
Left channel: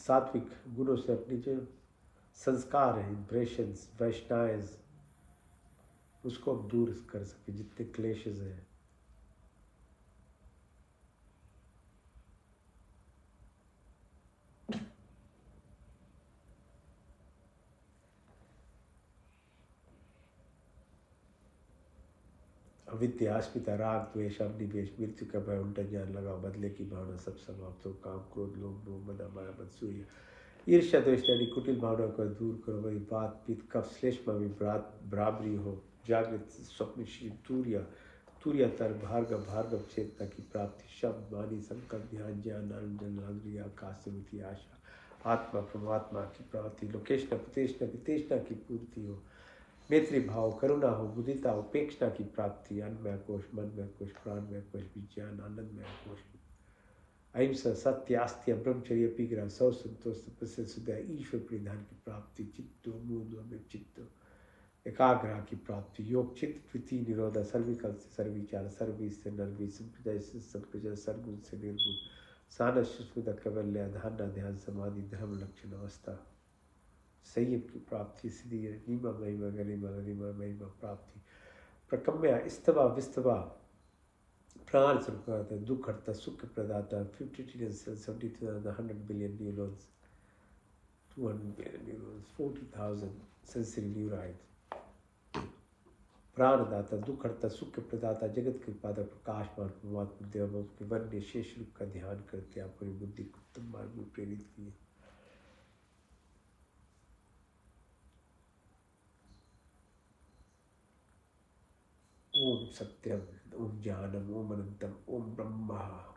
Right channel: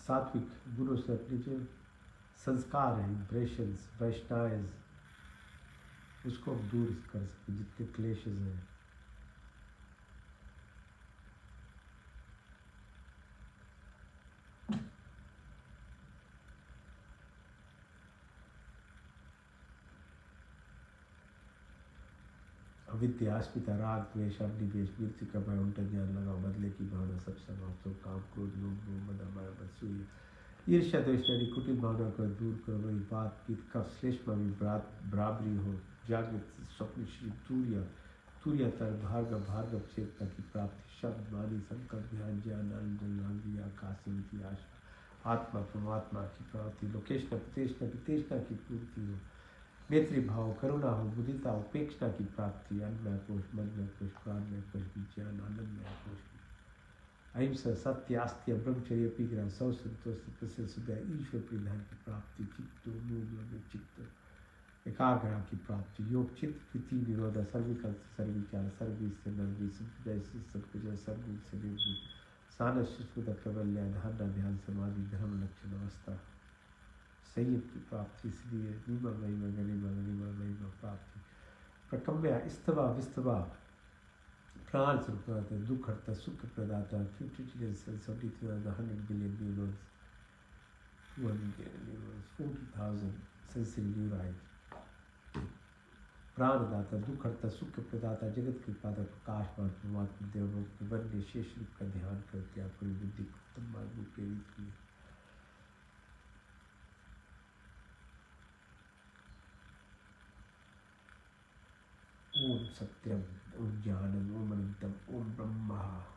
सात्विक गुणों से अपनी जो संस्कार है, इम्प्रेशंस, वैष्णाइज, उसको हम दूर कर सके, जितने क्लेशेस हैं। अविद्या, अस्मिता, राग, द्वेष, अभिनिवेश, मृत्यु का भय, उल्टा ज्ञान लगाओ, बदले की भावना सब समाप्त हो, काम, क्रोध, लोभ, मोह, मद, माया, मत्सूया, ईर्ष्या, द्वेष आदि कुटिल भावना को दूर करो। वही बात, पित्त, कफ, श्लेष्मा में बराबरी हो। जागृत, स्वप्न, तूर्या, तूर्यातर, भार्गव, भार्गव चेतना की प्राप्ति। शब्द, वाणी, संकल्प, ध्यान, ज्ञान, आनंद, लांग्रिया, आकाशमती, आशा, आत्मा, परमात्मा की प्राप्ति। लोकेशना, प्रतेशना, वितेशना की पूर्ति हो। मैत्री भाव, करुणा हो, बुद्धिता, उपेक्षा की प्राप्ति। अन्नमय कोश, मनमय कोश, प्राणमय कोश, विज्ञान, आनंदमय कोश। अहिंसा, सत्य, आस्त्य, ब्रह्मचर्य, अपिग्रह, सौ संतोष, तपस्या, सुदय, ईश्वर परिधान की प्राप्ति। चित्तो मूल में चित्त एकाग्रह की प्राप्ति। योग, चित्त, वृत्ति, निरोधा, सर्विकल्प, सर्विचार, सर्वी से नर्वी, संप्रदाय से संप्रजय, सर्वगुण से निर्गुण, सानस, सुस्मिता, कैवल्य, धारणा, ध्यान, समाधि, धर्म, लक्षण, अवस्था, संयम की प्राप्ति। सिद्धि, नीमा, महिमा, गरिमा, गरिमा, महिमा, प्राप्ति। प्रकम्या, स्तवा, विस्तवा, प्राण स्वरूप, दुख हरता, सुख प्रदाता। 50 trillion cells, 70,100 billion neurons, 200 billion neurons, 40,000 sensory neurites। प्राणदाता, दुख हरता, सुख प्रदाता, जगत के पादा, प्रकाशमान परमात्मा देव के वन्य शेष रूप का ध्यान करके अपनी बुद्धि को उत्तम मार्ग में प्रेरित किए। ओम सत्यम, ओम ज्ञानम, ओम अनंतम, ओम ब्रह्मा।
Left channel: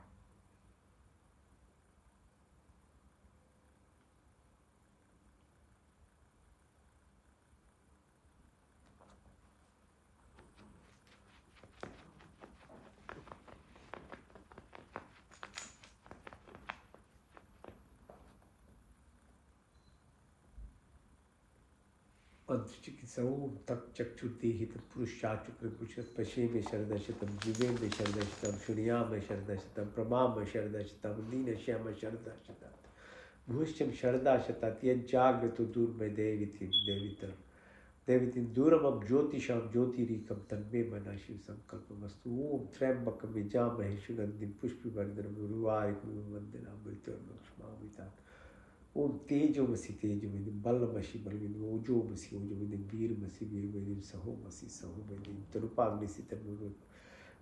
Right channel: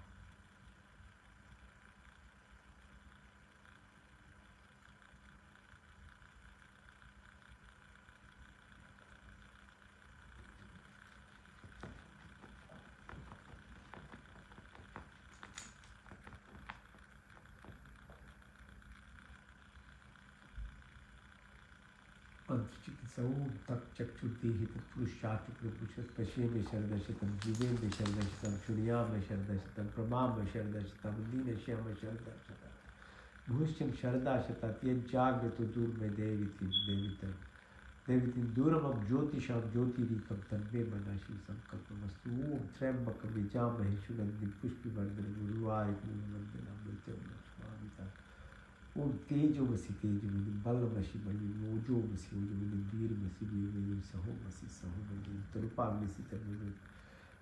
चिकित्सा, ओम तक चक्षुर्देहि तत्पुरुषाचुक्र पुरुष पशे में शरदशतम, जीवे में शरदशतम, शुनिया में शरदशतम, प्रमा में शरदशतम, दीन श्याम शरदशतम, भूष्यम शरदाशतात, यज्जाग्रतो दूर में देविता देविति दूरमं ज्योतिषां ज्योतिरीकं तन्मे मनः शिव संकल्पमस्तु। ओम त्र्यंबकं यजामहे सुगंधिं पुष्टिवर्धनम् उर्वारुकमिव वन्दनामृत्युर्मुक्षमामिता। ओम तेजोमसि तेजोमसि, बलमसि बलमिति, ओजोमसि ओजोमसि, वीरमसि वीरमिति, सहोमसि सहोमसि, तनुपाग्निसि तनुर्वृत्,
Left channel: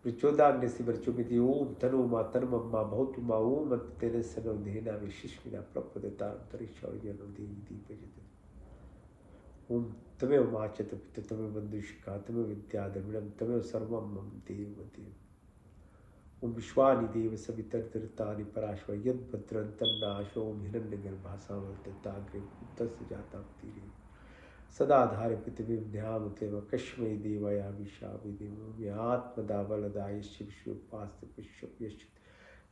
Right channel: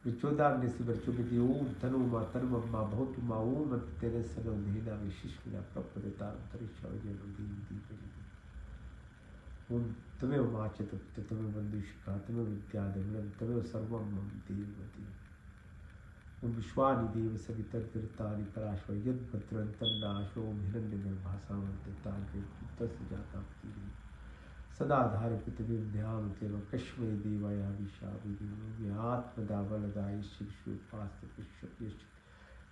प्रचोदाग्निसि वर्चोमिति। ओम तनो मा तन्मम्मा भवतु मा। ओम तेजस्सनो धेना विशिष्मिना प्रपदता अंतरिक्षौर्यनो देवी दीपजते। ओम तमेव माचत पिता, तमेव बंधुशिखा, तमेव विद्याद्रविणं, तमेव सर्वं मम देव देव। ओम विश्वानि देव सवितर्तरितानि पराश्व, यद्भद्रं तन्नाशो। ओम हिरण्यगर्भासामर्तताग्रे पुत्रस्य जाताप्तिरे, सदा धारे पृथिवीं ध्यामतेव कश्मै देवया विशावि देव। आत्मदा बलदा यस्य विश्वोपास्ते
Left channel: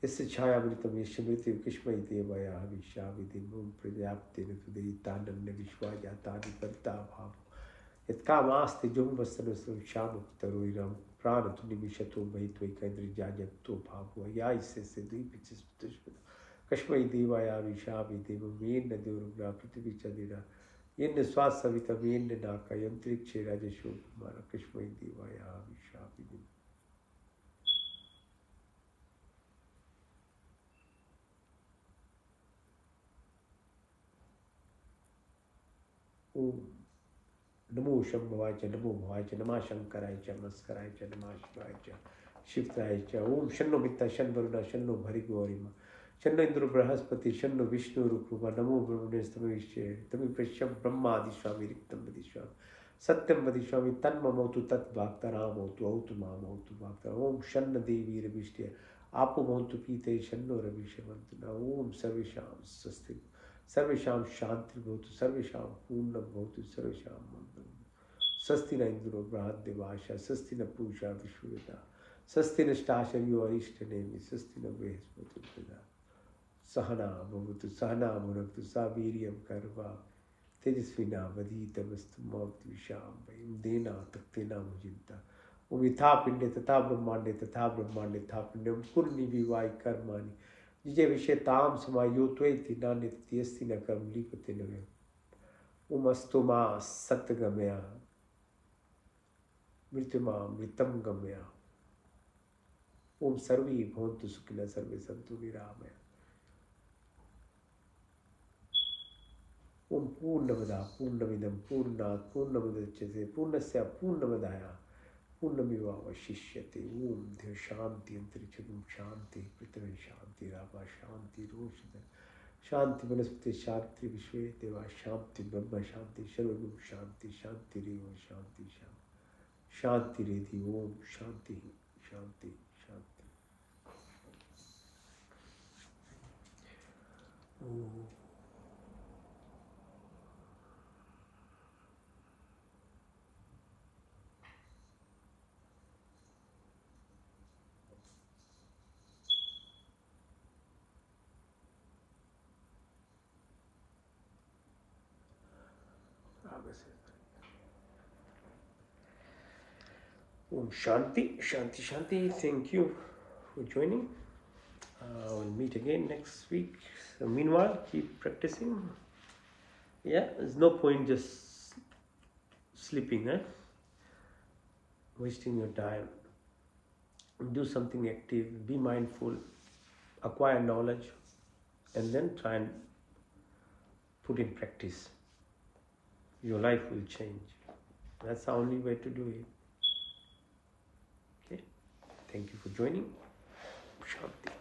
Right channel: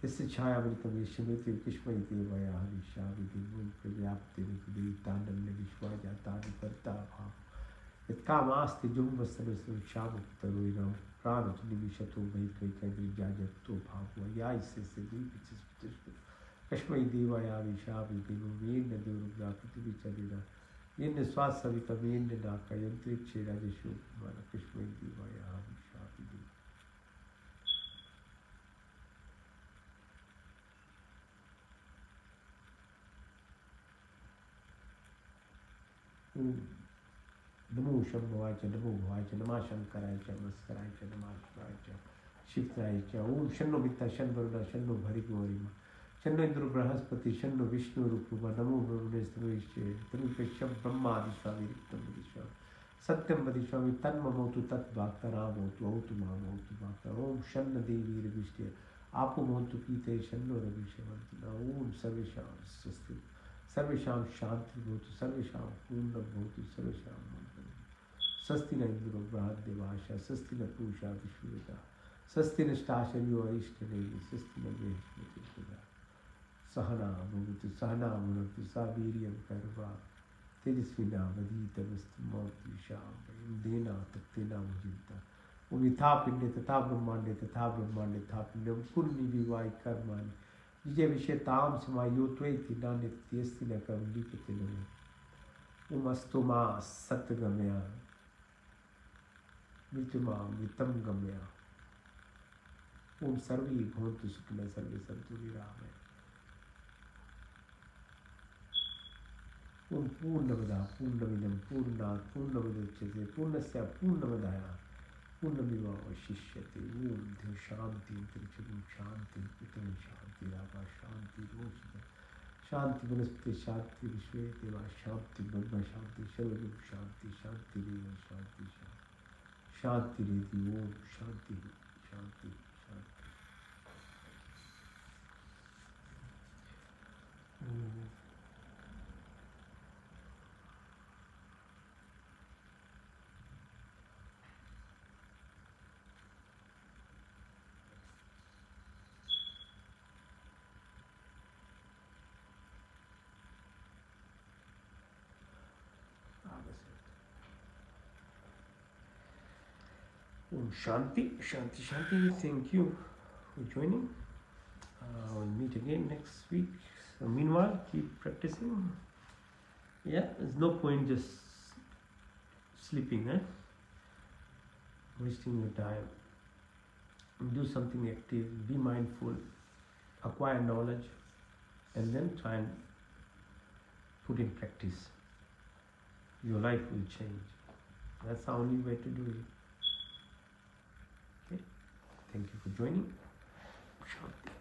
यस्य छायामृतं यस्य मृत्यु कश्मै देवया विशावि देव। ओम प्रजाप्तेन तुदयितानन्य विश्वाजातानि परिताभाव, यत्कामास्ते जुम्बस्तनस्तु श्यामपुतरोहिरं, प्राणतु निमिषतो मयि त्वयिकैन्द्रजाजतो भावो। या इससे द्वीपिचस्पतिष्ठ कश्मै देवाया विशावि देव। येन देवरुग्रा पृथ्वी चंद्रिणा, येन स्वात्सवितं, येन नाका यंत्रिक्षे राजशो कुमार, कश्मै देवाया विशावि देव। ओम नमो शंभवाय च, नमो भवाय च, नमः शंकराय च, नमस्काराय च, नमः शिवाय च, शिवताय च। ओम शन्नो मित्ता शन्न वरुणा शन्नो भर्गोरिमा, शन्नो इंद्रो बृहस्पति, शन्नो विष्णु रूपमा। नमो ब्रह्मणे स्तमविष्ये तमिपश्यं ब्रह्मादि स्वामी रिक्तं वदिष्यामि, सत्यं वदिष्यामि, तन्ममोतु तद्वाक्तरामोतु औतु मामोतु वाक्ता। ओम शन्न देवी रविष्टय आपो मोतु पीते, शन्नो रविषमन्तु। ओम सर्वेषां स्वस्ति, सर्वेषां शांति भवतु, सर्वेषां पूर्णं भवतु, सर्वेषां मंगलम्। स्वस्ति न इंद्रो बृहद्देवाशा, स्वस्ति न पूषा विश्ववेदा, स्वस्ति नष्टाशर्यो अरिष्टनेमि, स्वस्ति न बृहस्पतिर्दधातु। सहना भवतु सहना भुनक्तु, सा वीर्यं कर्वा तेजस्विनावधीतमस्तु मा विद्विषावहै। देना तक्तेना मुजिन्ता। ओम यथा पिंडे तथा ब्रह्मांडे, तथा ब्रह्मांडे तथा पिंडे, कुर्नि विवाहि कर्माणि जिजे विषयताम समायो त्वयि नान्यस्ति न कर्म लिप्यते न मे। ओम अस्तु मा सत्गमया mrityuma mritam gamya. Om sarve bhavantu sukhina sarve santu niramaya. Om Purnamada Purnamidam Purnat Purnamudachyate Purnasya Purnamadaya Purnamiva Vashishyate. Om Dev Shanti Antariksham Shanti Pitran Shanti Rapa Shanti Roshita Shanti Vanaspati Shanti Vishwe Deva Shanti Brahma Shanti Sarvaguru Shanti Shanti Reva Shanti Shanti Redi Om Shanti Shanti Shanti. Om Shanti, Shanti, Shanti. Thank you for joining. We'll meet again next week. So meanwhile, keep practicing. Yeah, there's no point just sleeping, wasting your time. Do something active, be mindful, acquire knowledge, and then try and put in practice. Your life will change. That's the only way to do it. Okay? Thank you for joining. Shanti.